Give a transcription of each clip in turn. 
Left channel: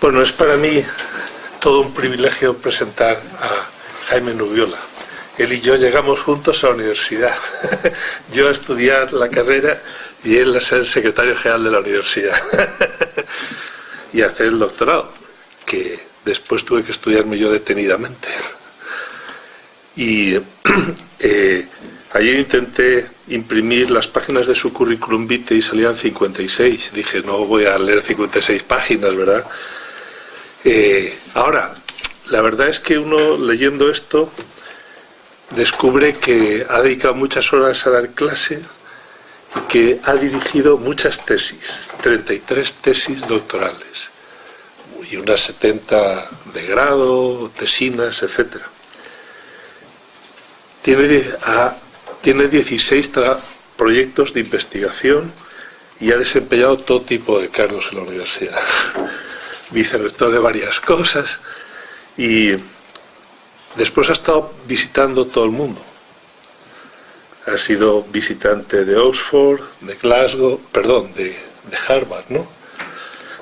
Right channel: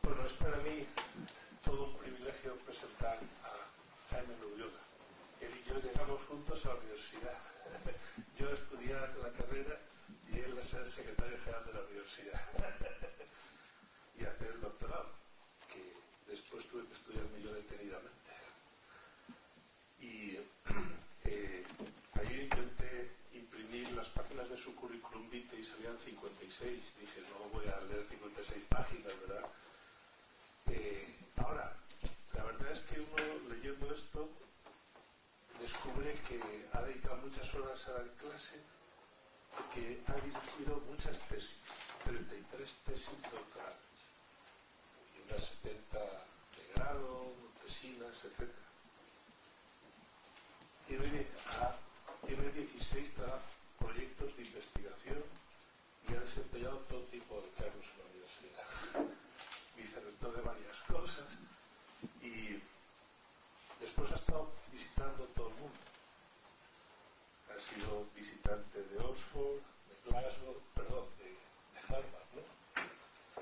Bueno, es para mí todo un privilegio presentar a Jaime Nubiola. Él y yo llegamos juntos a la universidad. Yo a estudiar la carrera y él a ser secretario general de la universidad. Y a hacer el doctorado, que después tuve que estudiarme yo detenidamente. Y ayer intenté imprimir las páginas de su currículum vitae y salían 56. Dije, no voy a leer 56 páginas, ¿verdad? Ahora, la verdad es que uno leyendo esto descubre que ha dedicado muchas horas a dar clase y que ha dirigido muchas tesis, 33 tesis doctorales y unas 70 de grado, tesinas, etc. Tiene 16 proyectos de investigación y ha desempeñado todo tipo de cargos en la universidad. Vicerrector de varias cosas y después ha estado visitando todo el mundo. Ha sido visitante de Oxford, de Glasgow, perdón, de Harvard, ¿no?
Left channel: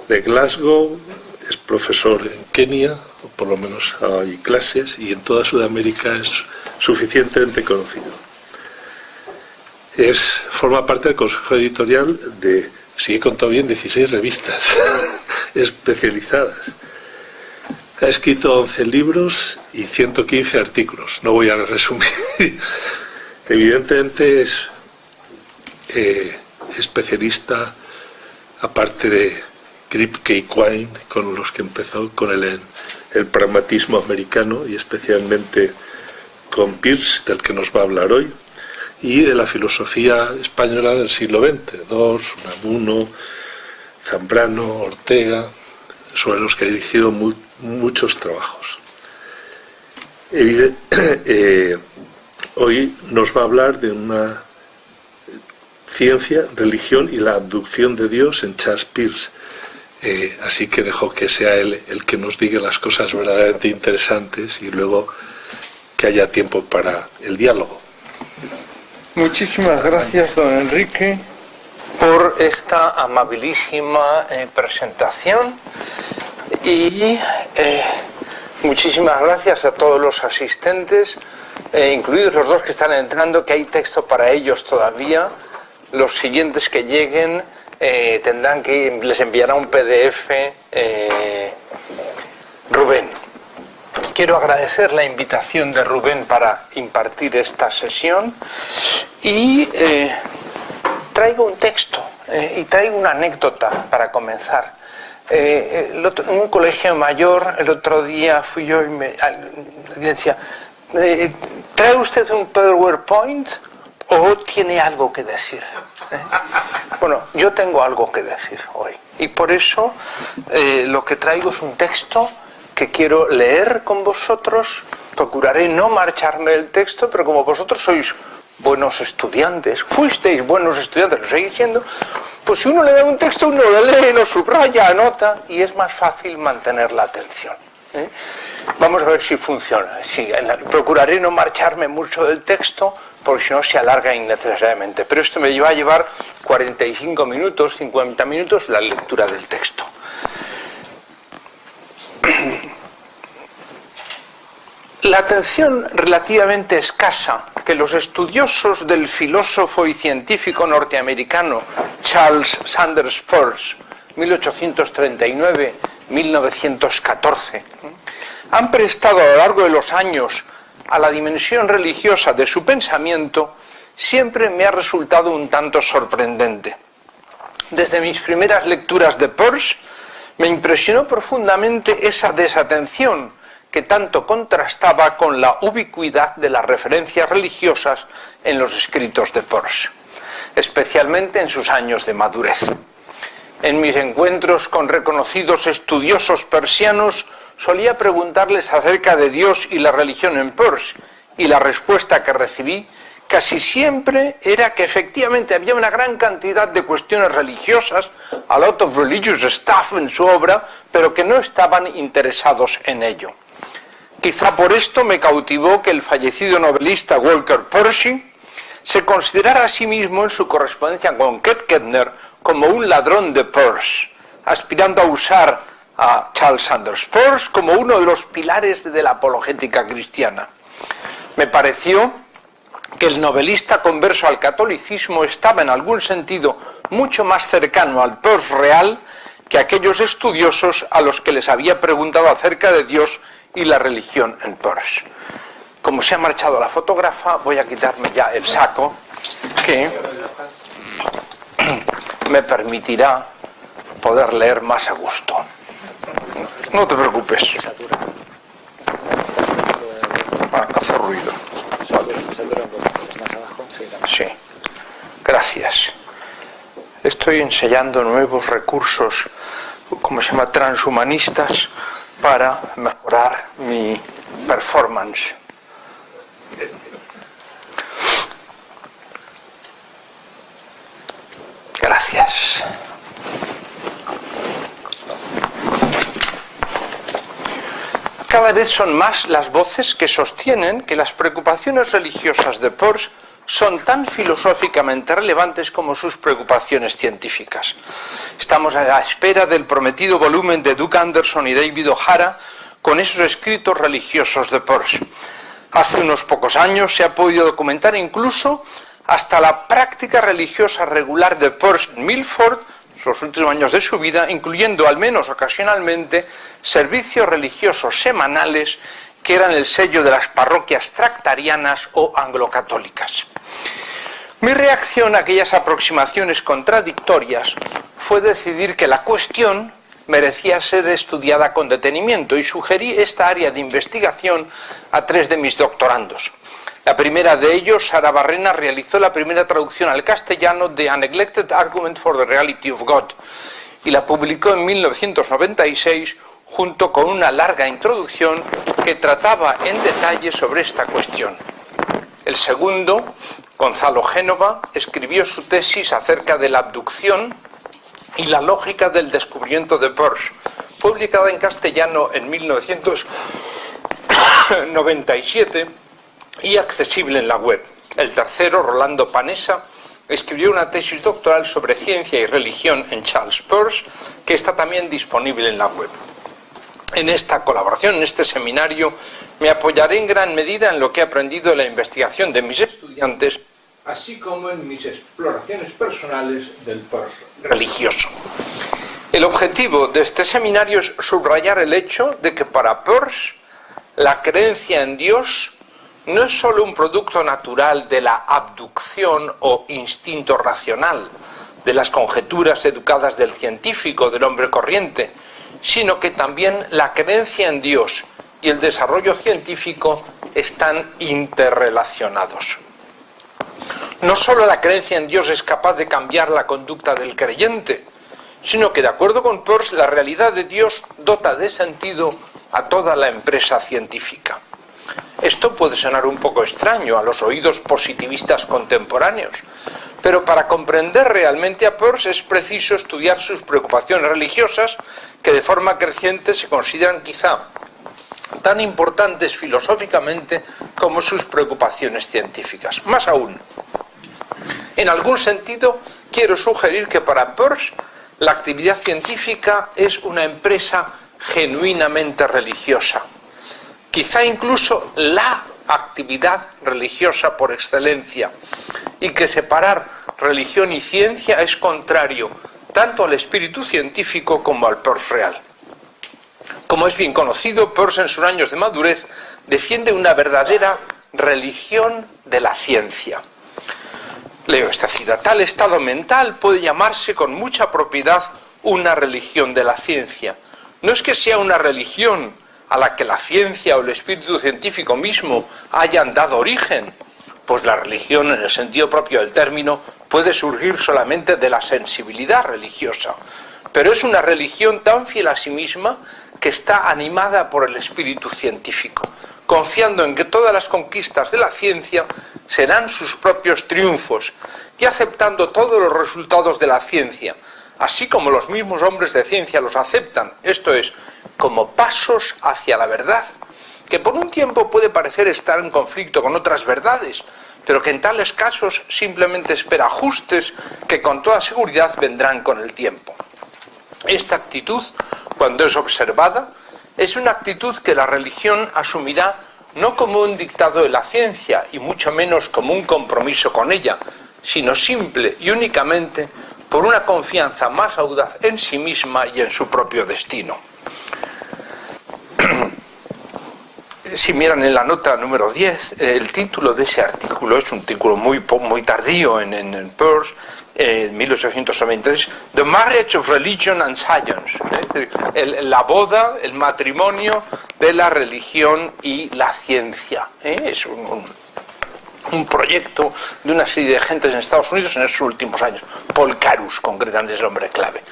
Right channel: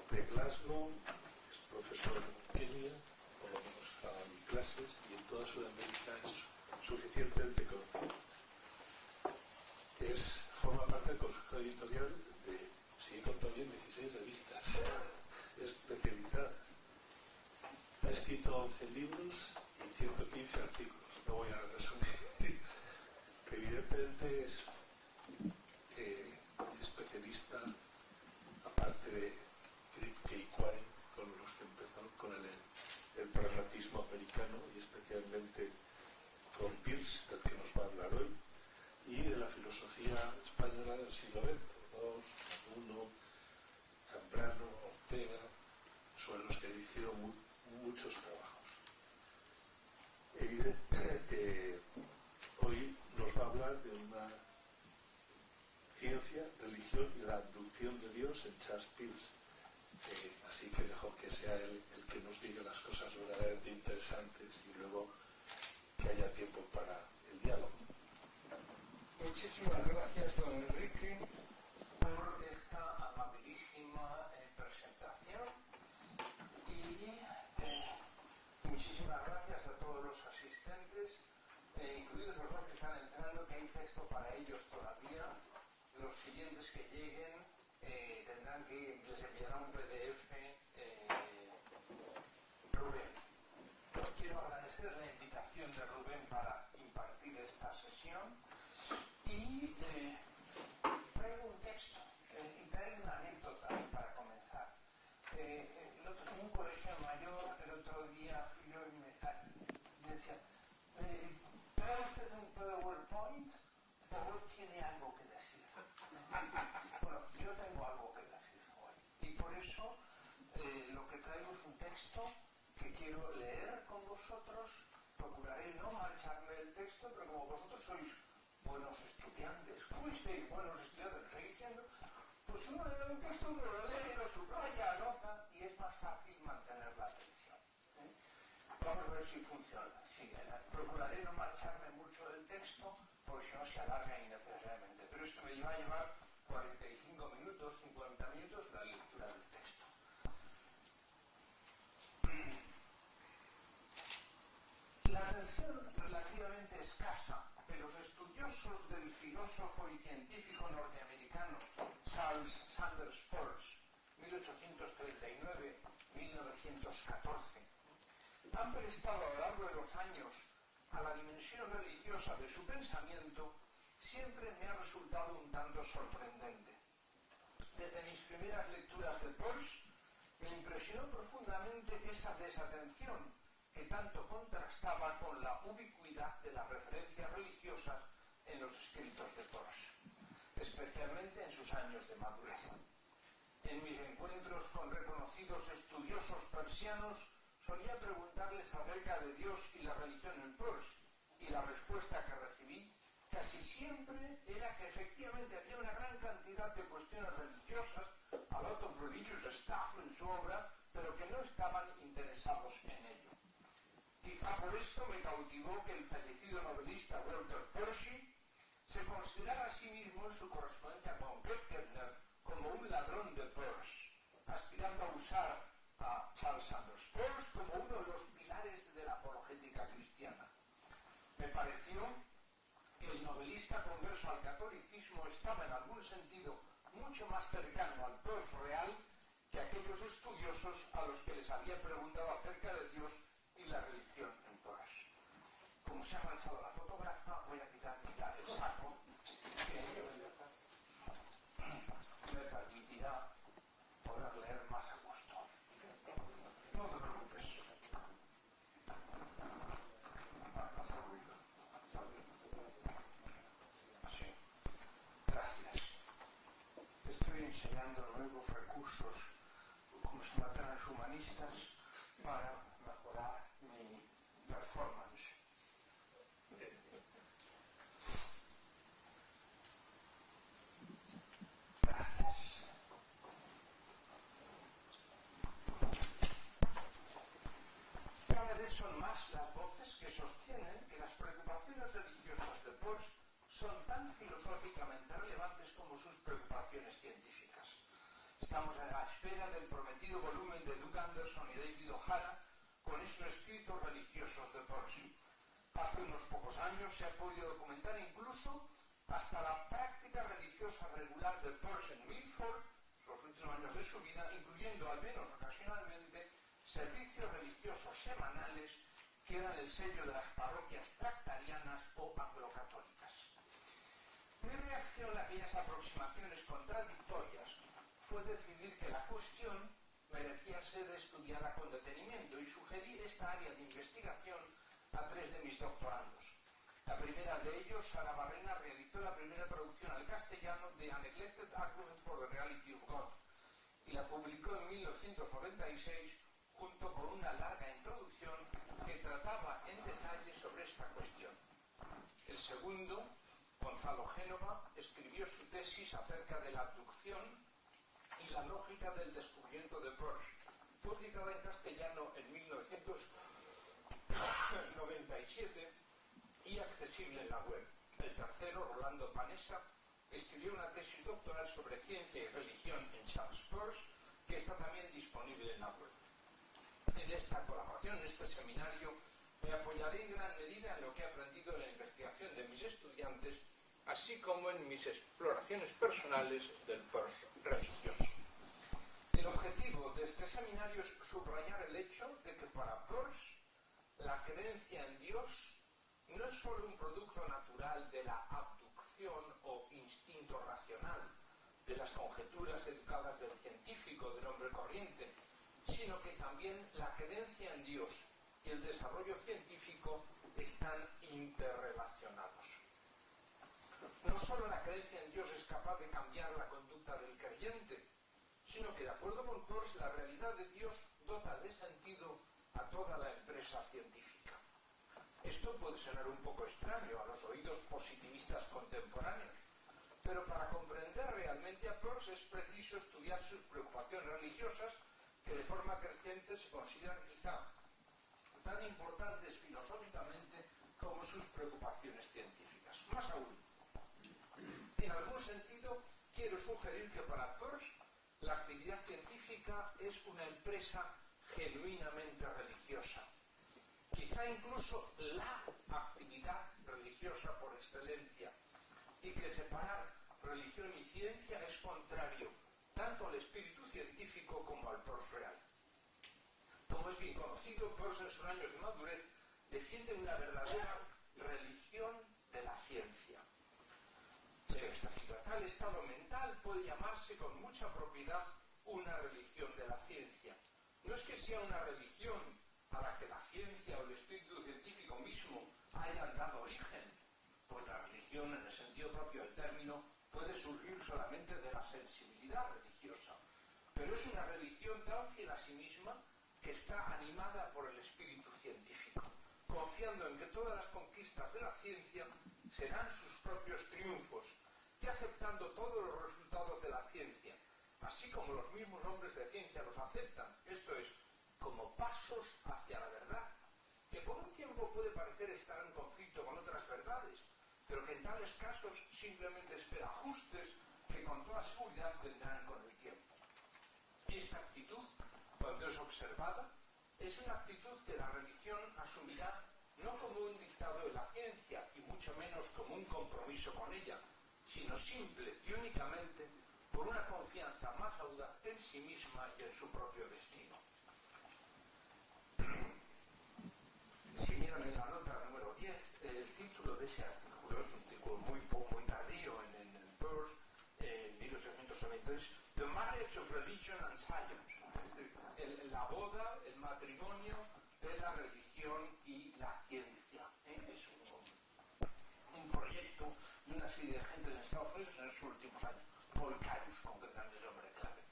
De Glasgow, es profesor en Kenia, o por lo menos hay clases, y en toda Sudamérica es suficientemente conocido. Forma parte del consejo editorial de, si he contado bien, 16 revistas especializadas. Ha escrito 11 libros y 115 artículos. No voy a resumir. Evidentemente es especialista, aparte de Kripke y Quine, con los que empezó, con el pragmatismo americano y especialmente con Peirce, del que nos va a hablar hoy, y de la filosofía española del siglo XX, Dors, Unamuno, Zambrano, Ortega, sobre los que ha dirigido muchos trabajos. Hoy nos va a hablar de una ciencia, religión y la abducción de Dios en Charles Peirce. Así que dejo que sea él el que nos diga las cosas verdaderamente interesantes y luego que haya tiempo para el diálogo. Muchísimas gracias, don Enrique, por esta amabilísima presentación y muchísimas gracias a todos los asistentes, incluidos los dos que están entrando, que hay texto para ellos todavía. Los siguientes que lleguen les enviará un PDF Rubén. Quiero agradecer la invitación de Rubén para impartir esta sesión y traigo un texto y traigo una anécdota para comenzar. En un colegio mayor, el otro día fui yo y me decía, ¿trae usted un PowerPoint o tiene algo que decir? Bueno, yo tengo algo que decir hoy y por eso lo que traigo es un texto que quiero leer con vosotros. Procuraré no marcharme del texto, pero como vosotros sois buenos estudiantes, fuisteis buenos estudiantes, lo seguís siendo, pues si uno le da un texto, uno lo lee, lo subraya, anota y es más fácil mantener la atención. Vamos a ver si funciona. Procuraré no marcharme mucho del texto, porque si no se alarga innecesariamente. Pero esto me va a llevar 45 minutos, 50 minutos la lectura del texto. La atención relativamente escasa que los estudiosos del filósofo y científico norteamericano Charles Sanders Peirce, 1839-1914, han prestado a lo largo de los años a la dimensión religiosa de su pensamiento, siempre me ha resultado un tanto sorprendente. Desde mis primeras lecturas de Peirce, me impresionó profundamente esa desatención que tanto contrastaba con la ubicuidad de las referencias religiosas en los escritos de Peirce, especialmente en sus años de madurez. En mis encuentros con reconocidos estudiosos persianos, solía preguntarles acerca de Dios y la religión en Peirce, y la respuesta que recibí casi siempre era que efectivamente había una gran cantidad de cuestiones religiosas, a lot of religious stuff en su obra, pero que no estaban interesados en ello. Quizá por esto me cautivó que el fallecido novelista Walker Percy se considerara a sí mismo en su correspondencia con Kettner como un ladrón de Peirce, aspirando a usar a Charles Sanders Peirce como uno de los pilares de la apologética cristiana. Me pareció que el novelista converso al catolicismo estaba en algún sentido mucho más cercano al Peirce real que aquellos estudiosos a los que les había preguntado acerca de Dios y la religión en Peirce. Como se ha marchado la fotógrafa, voy a quitarme ya el saco que me permitirá poder leer más a gusto. No te preocupes. Hace ruido. Sí, gracias. Estoy ensayando nuevos recursos, ¿cómo se llama?, transhumanistas, para mejorar mi performance. Gracias. Cada vez son más las voces que sostienen que las preocupaciones religiosas de Peirce son tan filosóficamente relevantes como sus preocupaciones científicas. Estamos a la espera del prometido volumen de Doug Anderson y David O'Hara con esos escritos religiosos de Peirce. Hace unos pocos años se ha podido documentar incluso hasta la práctica religiosa regular de Peirce en Milford, los últimos años de su vida, incluyendo al menos ocasionalmente servicios religiosos semanales que eran el sello de las parroquias tractarianas o anglocatólicas. Mi reacción a aquellas aproximaciones contradictorias fue decidir que la cuestión merecía ser estudiada con detenimiento y sugerí esta área de investigación a 3 de mis doctorandos. La primera de ellos, Sara Barrena, realizó la primera traducción al castellano de A Neglected Argument for the Reality of God y la publicó en 1996 junto con una larga introducción que trataba en detalle sobre esta cuestión. El segundo, Gonzalo Génova, escribió su tesis acerca de la abducción y la lógica del descubrimiento de Peirce, publicada en castellano en 1997 y accesible en la web. El tercero, Rolando Panessa, escribió una tesis doctoral sobre ciencia y religión en Charles Peirce, que está también disponible en la web. En esta colaboración, en este seminario, me apoyaré en gran medida en lo que he aprendido de la investigación de mis estudiantes, así como en mis exploraciones personales del Peirce religioso. El objetivo de este seminario es subrayar el hecho de que para Peirce la creencia en Dios no es solo un producto natural de la abducción o instinto racional, de las conjeturas educadas del científico, del hombre corriente, sino que también la creencia en Dios y el desarrollo científico están interrelacionados. No solo la creencia en Dios es capaz de cambiar la conducta del creyente, sino que, de acuerdo con Peirce, la realidad de Dios dota de sentido a toda la empresa científica. Esto puede sonar un poco extraño a los oídos positivistas contemporáneos, pero para comprender realmente a Peirce es preciso estudiar sus preocupaciones religiosas, que de forma creciente se consideran quizá tan importantes filosóficamente como sus preocupaciones científicas. Más aún, en algún sentido, quiero sugerir que para Peirce la actividad científica es una empresa genuinamente religiosa. Quizá incluso la actividad religiosa por excelencia, y que separar religión y ciencia es contrario tanto al espíritu científico como al Peirce real. Como es bien conocido, Peirce en sus años de madurez defiende una verdadera religión de la ciencia. Leo esta cita: tal estado mental puede llamarse con mucha propiedad una religión de la ciencia. No es que sea una religión a la que la ciencia o el espíritu científico mismo hayan dado origen, pues la religión, en el sentido propio del término, puede surgir solamente de la sensibilidad religiosa, pero es una religión tan fiel a sí misma que está animada por el espíritu científico, confiando en que todas las conquistas de la ciencia serán sus propios triunfos y aceptando todos los resultados de la ciencia, así como los mismos hombres de ciencia los aceptan, esto es, como pasos hacia la verdad, que por un tiempo puede parecer estar en conflicto con otras verdades, pero que en tales casos simplemente espera ajustes que con toda seguridad vendrán con el tiempo. Esta actitud, cuando es observada, es una actitud que la religión asumirá no como un dictado de la ciencia y mucho menos como un compromiso con ella, sino simple y únicamente por una confianza más audaz en sí misma y en su propio destino. Si miran en la nota número 10, el título de ese artículo es un artículo muy tardío en Peirce, 1893, The Marriage of Religion and Science, es decir, la boda, el matrimonio de la religión y la ciencia. Es un proyecto de una serie de gentes en Estados Unidos en esos últimos años. Paul Carus, concretamente, es el hombre clave.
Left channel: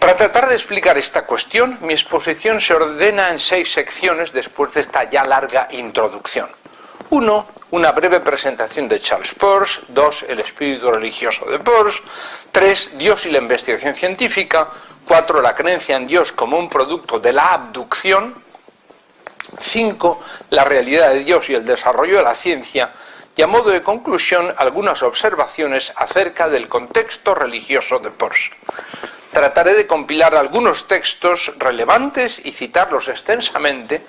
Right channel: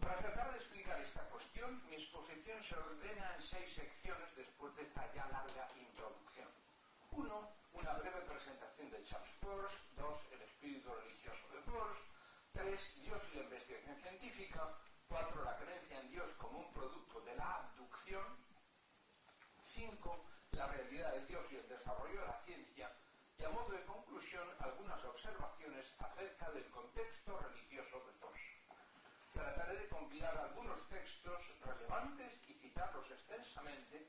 Para tratar de explicar esta cuestión, mi exposición se ordena en 6 secciones después de esta ya larga introducción. 1. Una breve presentación de Charles Peirce. 2. El espíritu religioso de Peirce. 3. Dios y la investigación científica. 4. La creencia en Dios como un producto de la abducción. 5. La realidad de Dios y el desarrollo de la ciencia. Y a modo de conclusión, algunas observaciones acerca del contexto religioso de Peirce. Trataré de compilar algunos textos relevantes y citarlos extensamente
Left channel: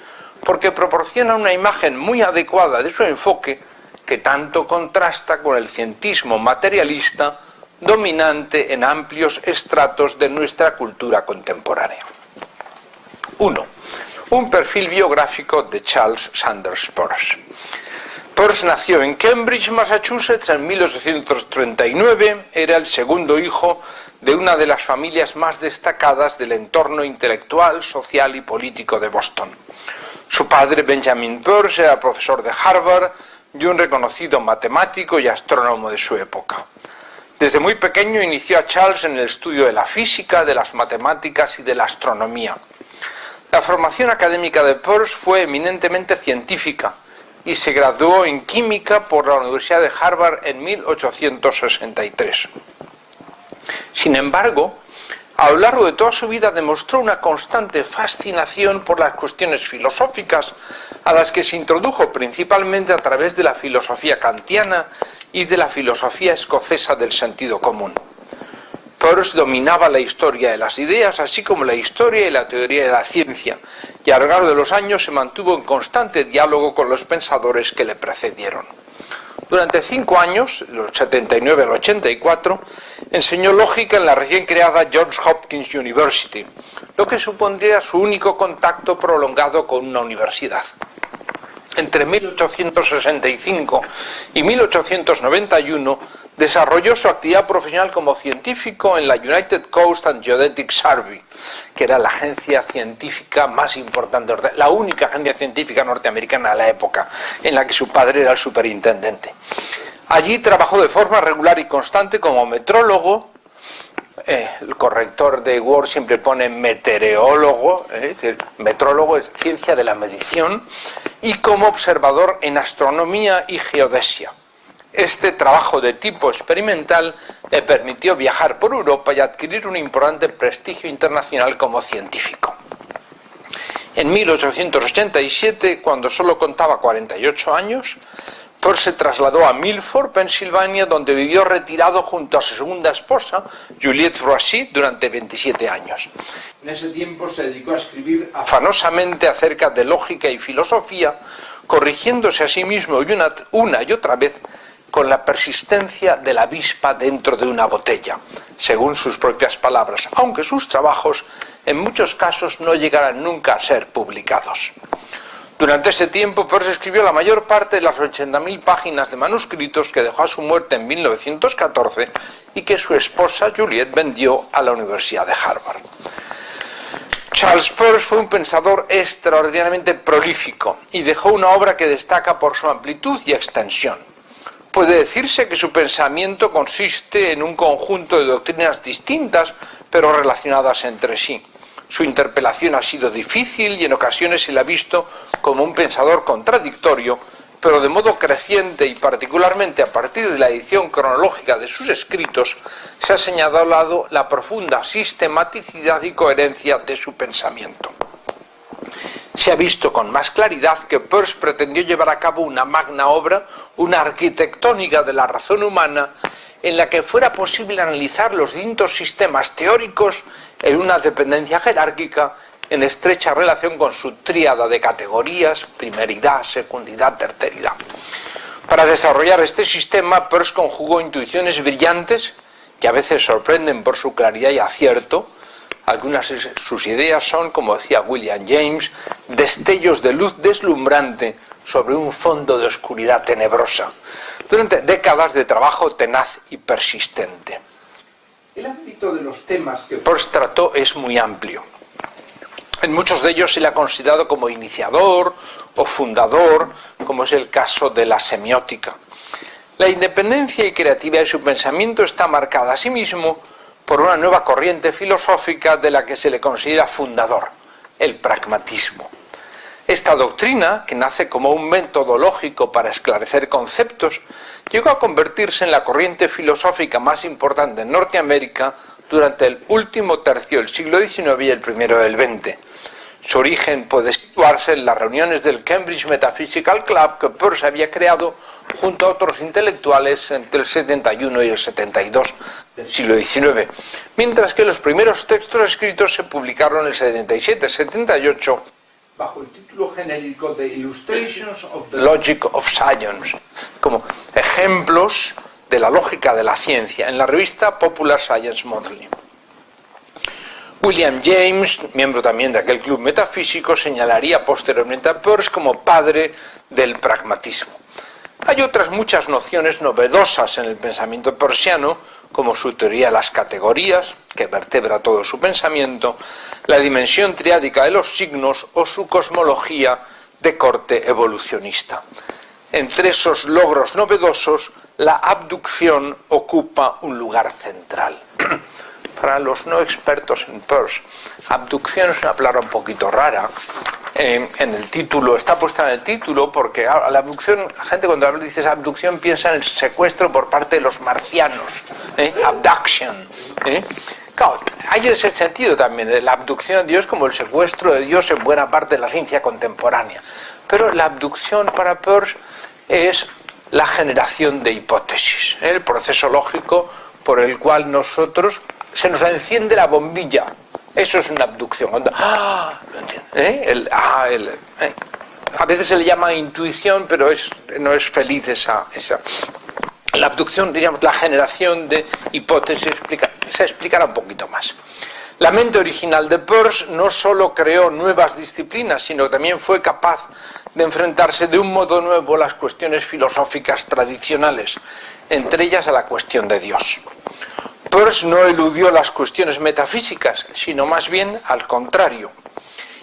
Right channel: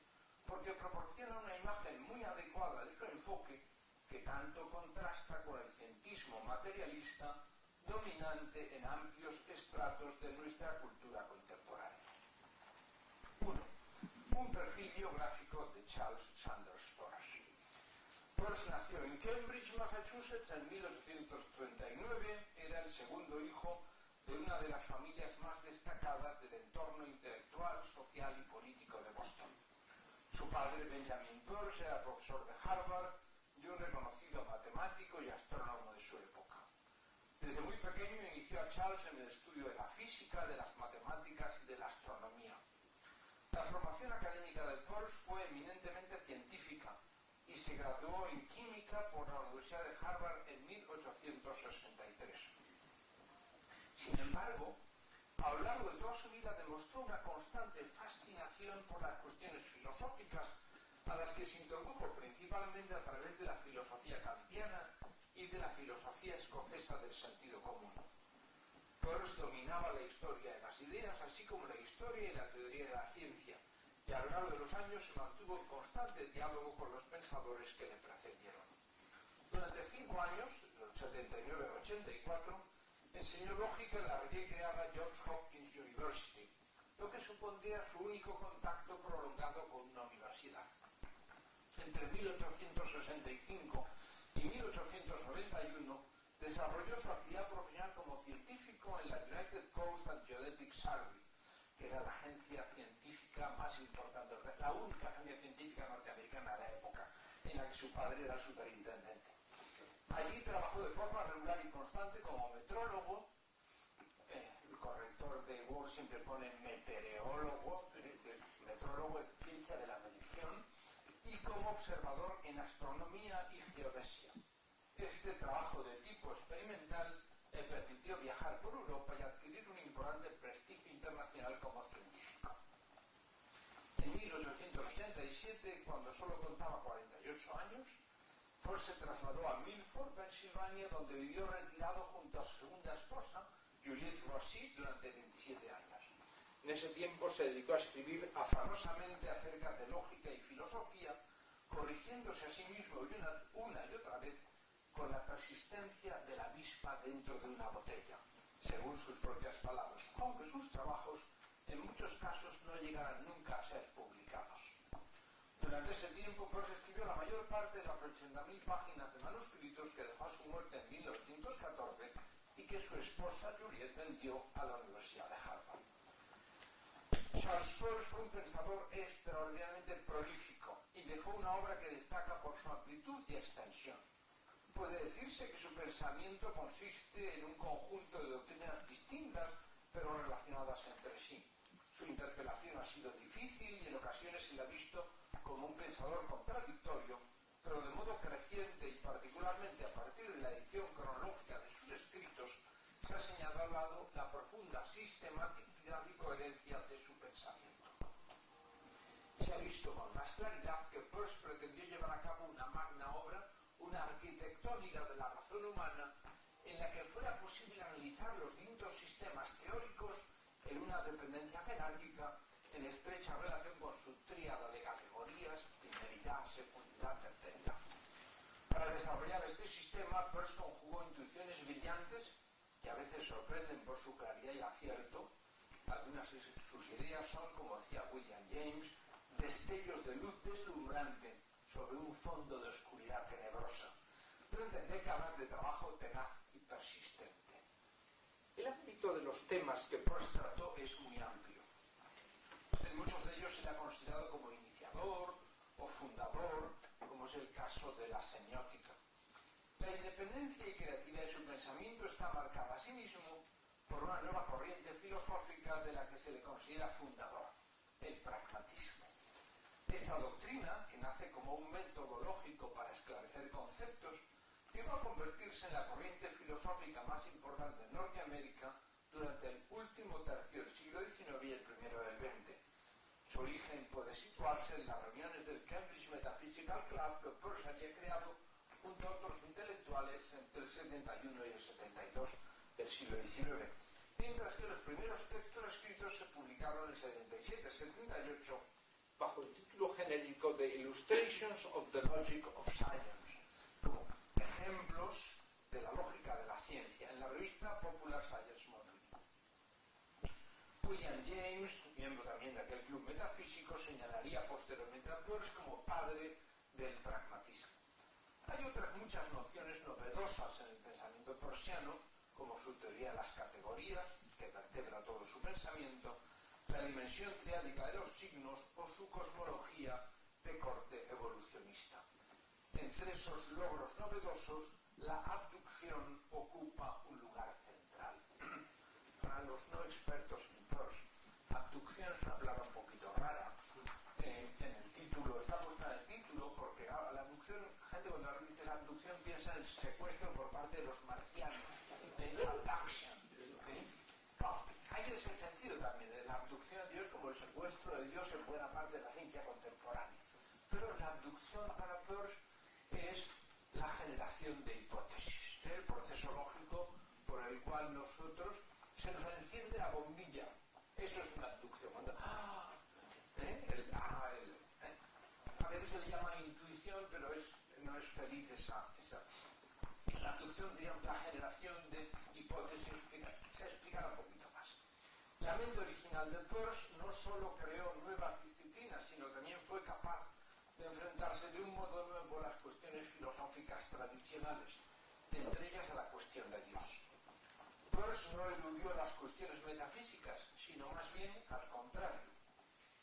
porque proporcionan una imagen muy adecuada de su enfoque que tanto contrasta con el cientismo materialista dominante en amplios estratos de nuestra cultura contemporánea. 1. Un perfil biográfico de Charles Sanders Peirce. Peirce nació en Cambridge, Massachusetts, en 1839. Era el segundo hijo de una de las familias más destacadas del entorno intelectual, social y político de Boston. Su padre, Benjamin Peirce, era profesor de Harvard y un reconocido matemático y astrónomo de su época. Desde muy pequeño inició a Charles en el estudio de la física, de las matemáticas y de la astronomía. La formación académica de Peirce fue eminentemente científica y se graduó en química por la Universidad de Harvard en 1863. Sin embargo, a lo largo de toda su vida demostró una constante fascinación por las cuestiones filosóficas, a las que se introdujo principalmente a través de la filosofía kantiana y de la filosofía escocesa del sentido común. Peirce dominaba la historia de las ideas, así como la historia y la teoría de la ciencia, y a lo largo de los años se mantuvo en constante diálogo con los pensadores que le precedieron. Durante 5 años, del 79 al 84, enseñó lógica en la recién creada Johns Hopkins University, lo que supondría su único contacto prolongado con una universidad. Entre 1865 y 1891 desarrolló su actividad profesional como científico en la United Coast and Geodetic Survey, que era la agencia científica más importante, la única agencia científica norteamericana de la época, en la que su padre era el superintendente. Allí trabajó de forma regular y constante como metrólogo. El corrector de Word siempre pone meteorólogo, es decir, metrólogo es ciencia de la medición, y como observador en astronomía y geodesia. Este trabajo de tipo experimental le permitió viajar por Europa y adquirir un importante prestigio internacional como científico. En 1887, cuando solo contaba 48 años, Peirce se trasladó a Milford, Pensilvania, donde vivió retirado junto a su segunda esposa, Juliette Froissy, durante 27 años. En ese tiempo se dedicó a escribir afanosamente acerca de lógica y filosofía, corrigiéndose a sí mismo una y otra vez con la persistencia de la avispa dentro de una botella, según sus propias palabras, aunque sus trabajos en muchos casos no llegarán nunca a ser publicados. Durante ese tiempo, Peirce escribió la mayor parte de las 80.000 páginas de manuscritos que dejó a su muerte en 1914 y que su esposa Juliette vendió a la Universidad de Harvard. Charles Peirce fue un pensador extraordinariamente prolífico y dejó una obra que destaca por su amplitud y extensión. Puede decirse que su pensamiento consiste en un conjunto de doctrinas distintas, pero relacionadas entre sí. Su interpelación ha sido difícil y en ocasiones se le ha visto como un pensador contradictorio, pero de modo creciente y particularmente a partir de la edición cronológica de sus escritos, se ha señalado la profunda sistematicidad y coherencia de su pensamiento. Se ha visto con más claridad que Peirce pretendió llevar a cabo una magna obra, una arquitectónica de la razón humana, en la que fuera posible analizar los distintos sistemas teóricos en una dependencia jerárquica en estrecha relación con su tríada de categorías, primeridad, secundidad, terceridad. Para desarrollar este sistema, Peirce conjugó intuiciones brillantes, que a veces sorprenden por su claridad y acierto. Algunas de sus ideas son, como decía William James, destellos de luz deslumbrante sobre un fondo de oscuridad tenebrosa, durante décadas de trabajo tenaz y persistente. El ámbito de los temas que Peirce trató es muy amplio. En muchos de ellos se le ha considerado como iniciador o fundador, como es el caso de la semiótica. La independencia y creatividad de su pensamiento está marcada asimismo por una nueva corriente filosófica de la que se le considera fundador, el pragmatismo. Esta doctrina, que nace como un método lógico para esclarecer conceptos, llegó a convertirse en la corriente filosófica más importante en Norteamérica durante el último tercio del siglo XIX y el primero del XX. Su origen puede situarse en las reuniones del Cambridge Metaphysical Club que Peirce había creado junto a otros intelectuales entre el 71 y el 72 del siglo XIX, mientras que los primeros textos escritos se publicaron en el 77-78 bajo el título genérico de Illustrations of the Logic of Science, como ejemplos de la lógica de la ciencia, en la revista Popular Science Monthly. William James, miembro también de aquel club metafísico, señalaría posteriormente a Peirce como padre del pragmatismo. Hay otras muchas nociones novedosas en el pensamiento peirciano, como su teoría de las categorías, que vertebra todo su pensamiento, la dimensión triádica de los signos o su cosmología de corte evolucionista. Entre esos logros novedosos, la abducción ocupa un lugar central. Para los no expertos en Peirce, abducción es una palabra un poquito rara. En el título, está puesta en el título porque la abducción, la gente cuando dice abducción piensa en el secuestro por parte de los marcianos, abduction. Claro, hay ese sentido también, la abducción de Dios como el secuestro de Dios en buena parte de la ciencia contemporánea. Pero la abducción para Peirce es la generación de hipótesis, el proceso lógico por el cual nosotros se nos enciende la bombilla. Eso es una abducción. Cuando, a veces se le llama intuición, pero no es feliz esa. La abducción, diríamos, la generación de hipótesis, se explicará un poquito más. La mente original de Peirce no solo creó nuevas disciplinas, sino que también fue capaz de enfrentarse de un modo nuevo a las cuestiones filosóficas tradicionales, entre ellas a la cuestión de Dios. Peirce no eludió las cuestiones metafísicas, sino más bien al contrario.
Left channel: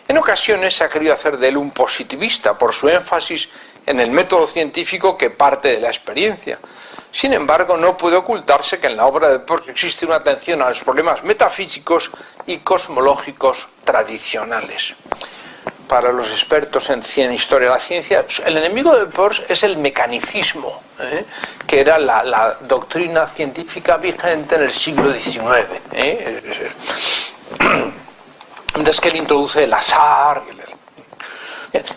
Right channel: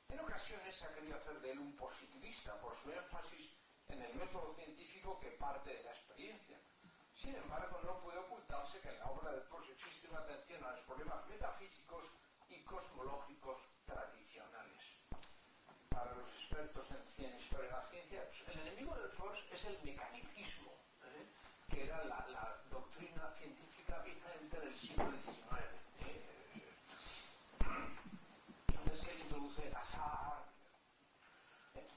En ocasiones se ha querido hacer de él un positivista por su énfasis en el método científico que parte de la experiencia. Sin embargo, no puede ocultarse que en la obra de Peirce existe una atención a los problemas metafísicos y cosmológicos tradicionales. Para los expertos en historia de la ciencia, el enemigo de Peirce es el mecanicismo, que era la doctrina científica vigente en el siglo XIX. Entonces que él introduce el azar.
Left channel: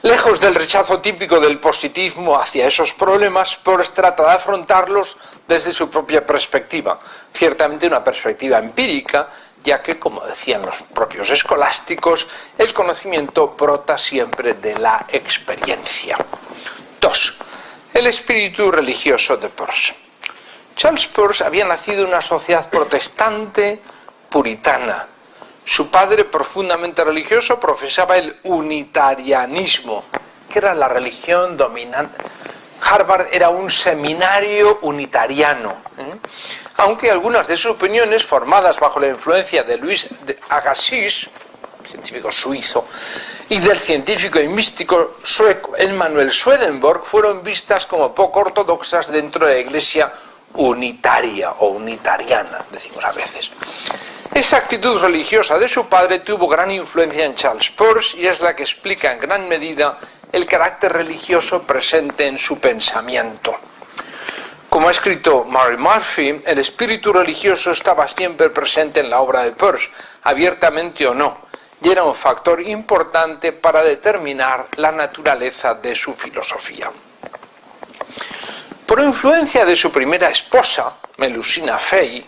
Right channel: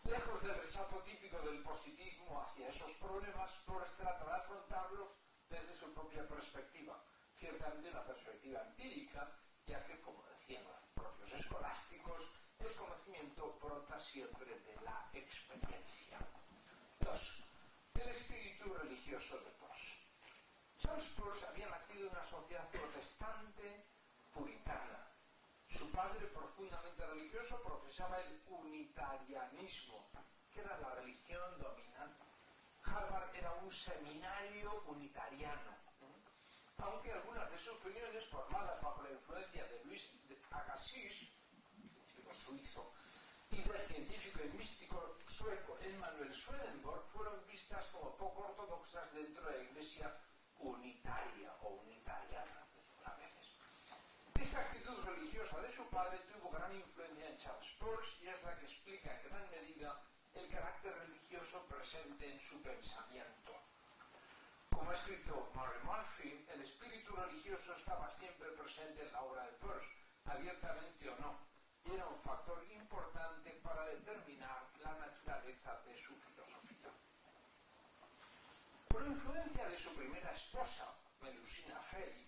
Lejos del rechazo típico del positivismo hacia esos problemas, Peirce trata de afrontarlos desde su propia perspectiva, ciertamente una perspectiva empírica, ya que, como decían los propios escolásticos, el conocimiento brota siempre de la experiencia. 2. El espíritu religioso de Peirce. Charles Peirce había nacido en una sociedad protestante puritana. Su padre, profundamente religioso, profesaba el unitarianismo, que era la religión dominante. Harvard era un seminario unitariano, aunque algunas de sus opiniones, formadas bajo la influencia de Louis Agassiz, científico suizo, y del científico y místico sueco Emanuel Swedenborg, fueron vistas como poco ortodoxas dentro de la Iglesia unitaria o unitariana, decimos a veces. Esa actitud religiosa de su padre tuvo gran influencia en Charles Peirce y es la que explica en gran medida el carácter religioso presente en su pensamiento. Como ha escrito Murray Murphy, el espíritu religioso estaba siempre presente en la obra de Peirce, abiertamente o no, y era un factor importante para determinar la naturaleza de su filosofía. Por influencia de su primera esposa, Melusina Fey,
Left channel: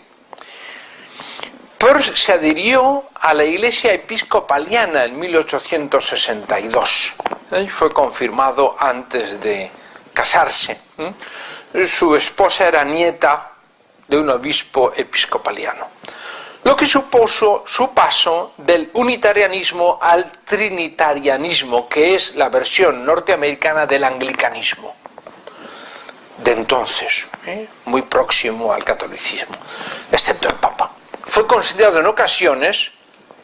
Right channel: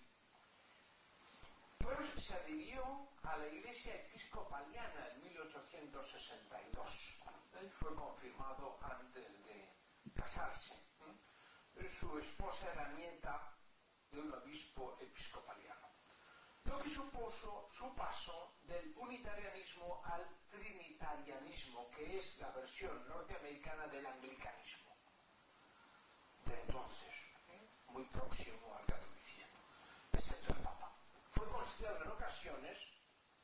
Peirce se adhirió a la Iglesia Episcopaliana en 1862. Fue confirmado antes de casarse. Su esposa era nieta de un obispo episcopaliano, lo que supuso su paso del unitarianismo al trinitarianismo, que es la versión norteamericana del anglicanismo de entonces, muy próximo al catolicismo, excepto el Papa. Fue considerado en ocasiones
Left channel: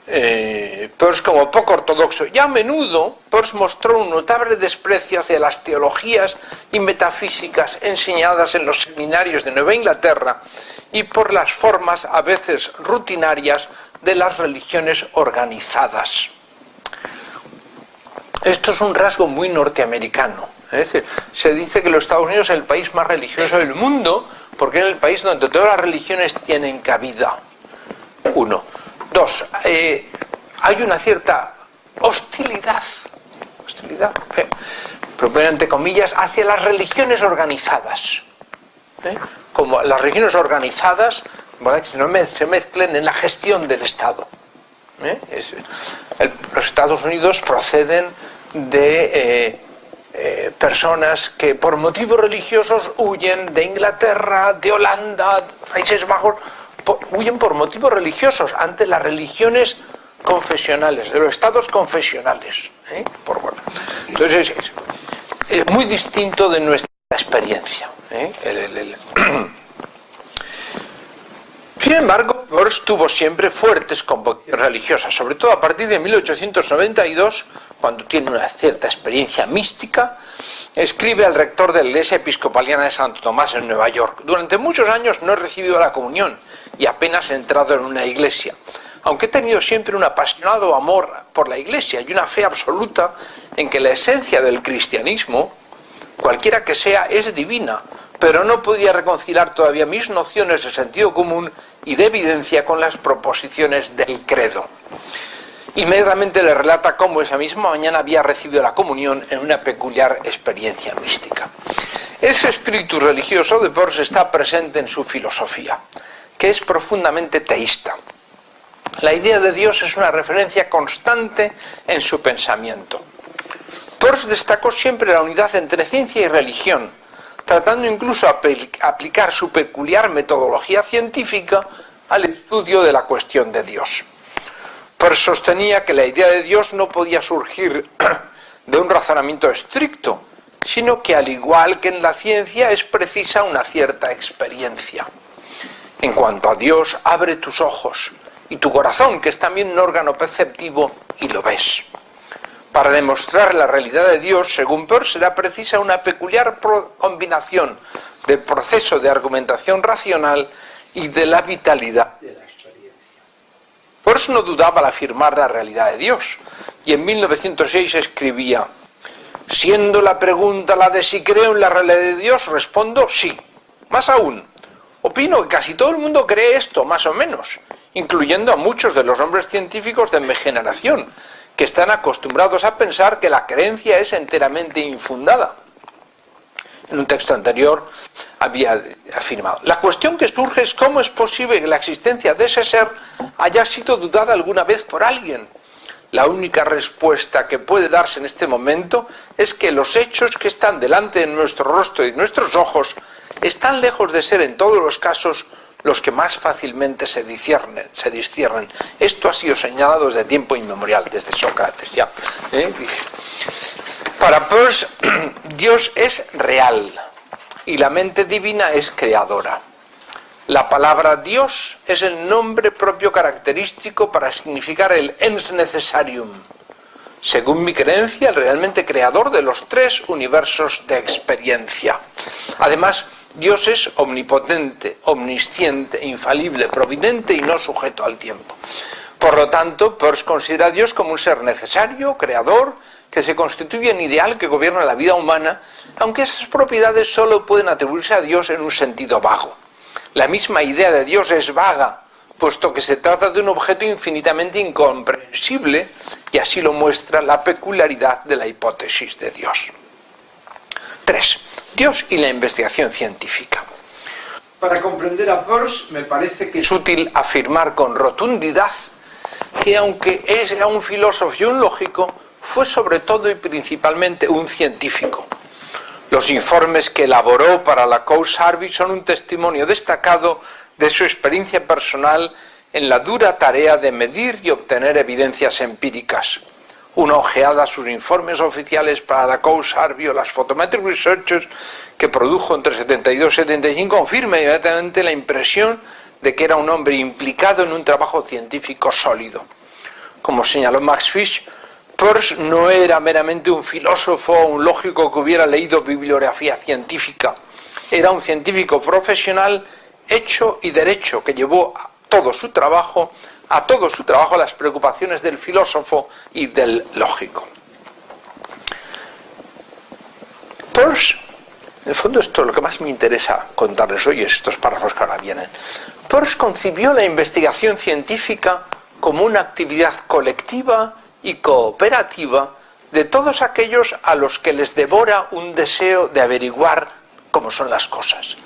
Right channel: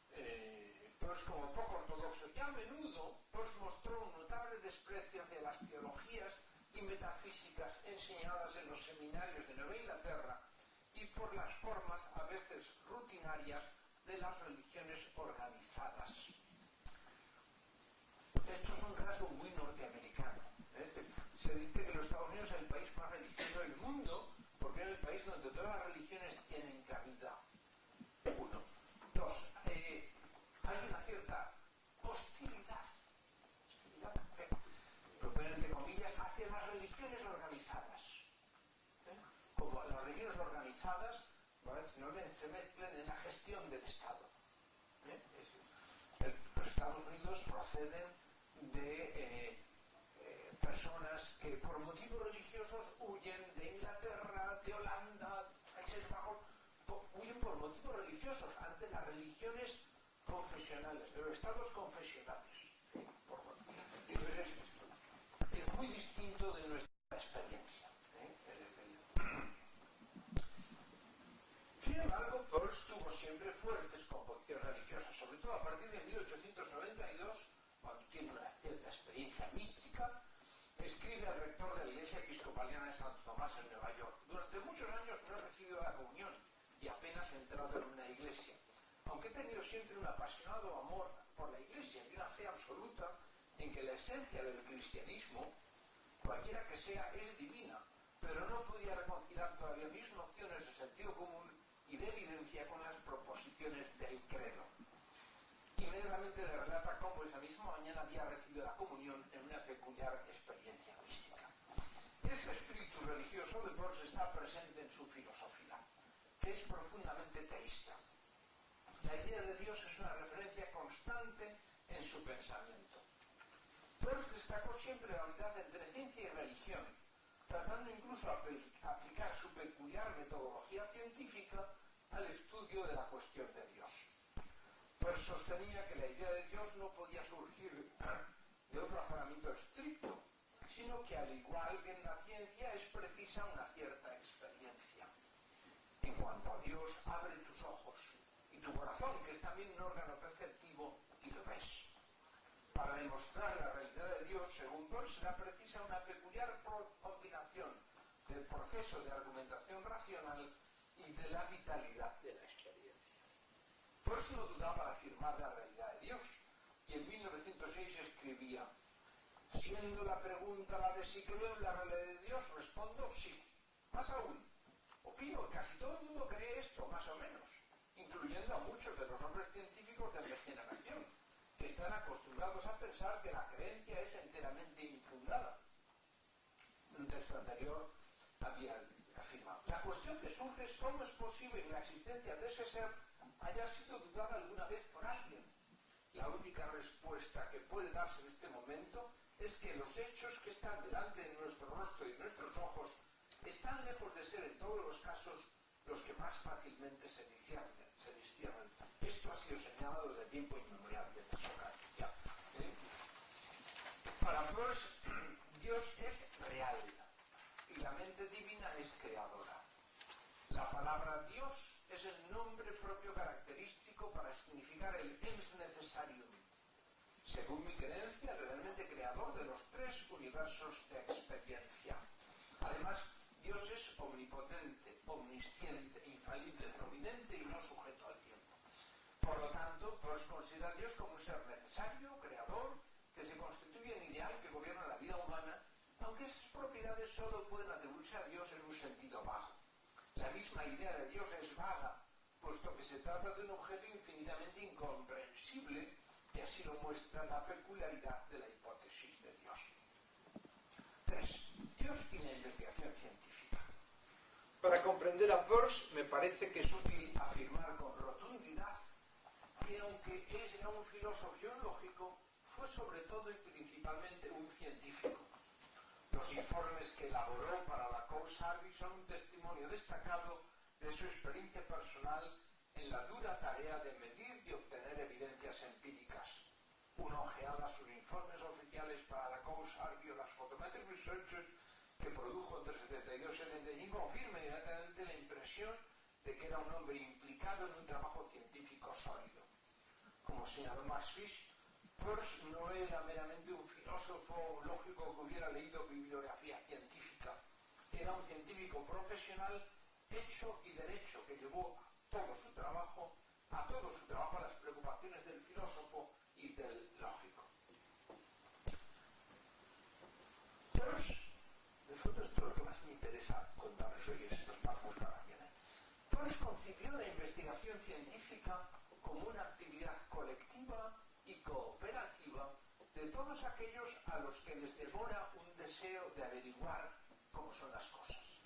Peirce como poco ortodoxo, y a menudo Peirce mostró un notable desprecio hacia las teologías y metafísicas enseñadas en los seminarios de Nueva Inglaterra y por las formas a veces rutinarias de las religiones organizadas. Esto es un rasgo muy norteamericano. Es decir, se dice que los Estados Unidos es el país más religioso del mundo porque es el país donde todas las religiones tienen cabida. Uno. Dos, hay una cierta hostilidad, pero entre comillas, hacia las religiones organizadas. Como las religiones organizadas, ¿vale?, que no se mezclen en la gestión del Estado. Los Estados Unidos proceden de personas que por motivos religiosos huyen de Inglaterra, de Holanda, Países Bajos, huyen por motivos religiosos ante las religiones confesionales, de los estados confesionales. Entonces es muy distinto de nuestra experiencia. Sin embargo, Peirce tuvo siempre fuertes convicciones religiosas, sobre todo a partir de 1892, cuando tiene una cierta experiencia mística. Escribe al rector de la Iglesia Episcopaliana de Santo Tomás en Nueva York: durante muchos años no he recibido la comunión y apenas he entrado en una iglesia, aunque he tenido siempre un apasionado amor por la iglesia y una fe absoluta en que la esencia del cristianismo, cualquiera que sea, es divina, pero no podía reconciliar todavía mis nociones de sentido común y de evidencia con las proposiciones del credo. Inmediatamente le relata cómo esa misma mañana había recibido la comunión en una peculiar experiencia mística. Ese espíritu religioso de Peirce está presente en su filosofía, que es profundamente teísta. La idea de Dios es una referencia constante en su pensamiento. Peirce destacó siempre la unidad entre ciencia y religión, tratando incluso de aplicar su peculiar metodología científica al estudio de la cuestión de Dios. Peirce sostenía que la idea de Dios no podía surgir de un razonamiento estricto, sino que, al igual que en la ciencia, es precisa una cierta experiencia. En cuanto a Dios, abre tus ojos y tu corazón, que es también un órgano perceptivo, y lo ves. Para demostrar la realidad de Dios, según Peirce, será precisa una peculiar combinación del proceso de argumentación racional y de la vitalidad de la experiencia. Peirce no dudaba al afirmar la realidad de Dios, y en 1906 escribía: siendo la pregunta la de si creo en la realidad de Dios, respondo sí. Más aún, opino que casi todo el mundo cree esto, más o menos, incluyendo a muchos de los hombres científicos de mi generación, que están acostumbrados a pensar que la creencia es enteramente infundada. En un texto anterior había afirmado: la cuestión que surge es cómo es posible que la existencia de ese ser haya sido dudada alguna vez por alguien. La única respuesta que puede darse en este momento es que los hechos que están delante de nuestro rostro y de nuestros ojos están lejos de ser en todos los casos los que más fácilmente se disciernen. Esto ha sido señalado desde tiempo inmemorial, desde Sócrates ya. Para Peirce, Dios es real y la mente divina es creadora. La palabra Dios es el nombre propio característico para significar el ens necessarium. Según mi creencia, el realmente creador de los tres universos de experiencia. Además, Dios es omnipotente, omnisciente, infalible, providente y no sujeto al tiempo. Por lo tanto, Peirce considera a Dios como un ser necesario, creador, que se constituye en ideal que gobierna la vida humana, aunque esas propiedades solo pueden atribuirse a Dios en un sentido vago. La misma idea de Dios es vaga, puesto que se trata de un objeto infinitamente incomprensible, y así lo muestra la peculiaridad de la hipótesis de Dios. 3. Dios y la investigación científica. Para comprender a Peirce me parece que es útil afirmar con rotundidad que aunque era un filósofo y un lógico, fue sobre todo y principalmente un científico. Los informes que elaboró para la Coase-Harvey son un testimonio destacado de su experiencia personal en la dura tarea de medir y obtener evidencias empíricas. Una ojeada a sus informes oficiales para la Coase-Harvey o las Photometric Researches que produjo entre 72 y 75 confirma inmediatamente la impresión de que era un hombre implicado en un trabajo científico sólido. Como señaló Max Fish, Peirce no era meramente un filósofo o un lógico que hubiera leído bibliografía científica. Era un científico profesional hecho y derecho que llevó a todo su trabajo las preocupaciones del filósofo y del lógico. Peirce, en el fondo esto es lo que más me interesa contarles hoy, es estos párrafos que ahora vienen. Peirce concibió la investigación científica como una actividad colectiva y cooperativa de todos aquellos a los que les devora un deseo de averiguar cómo son las cosas.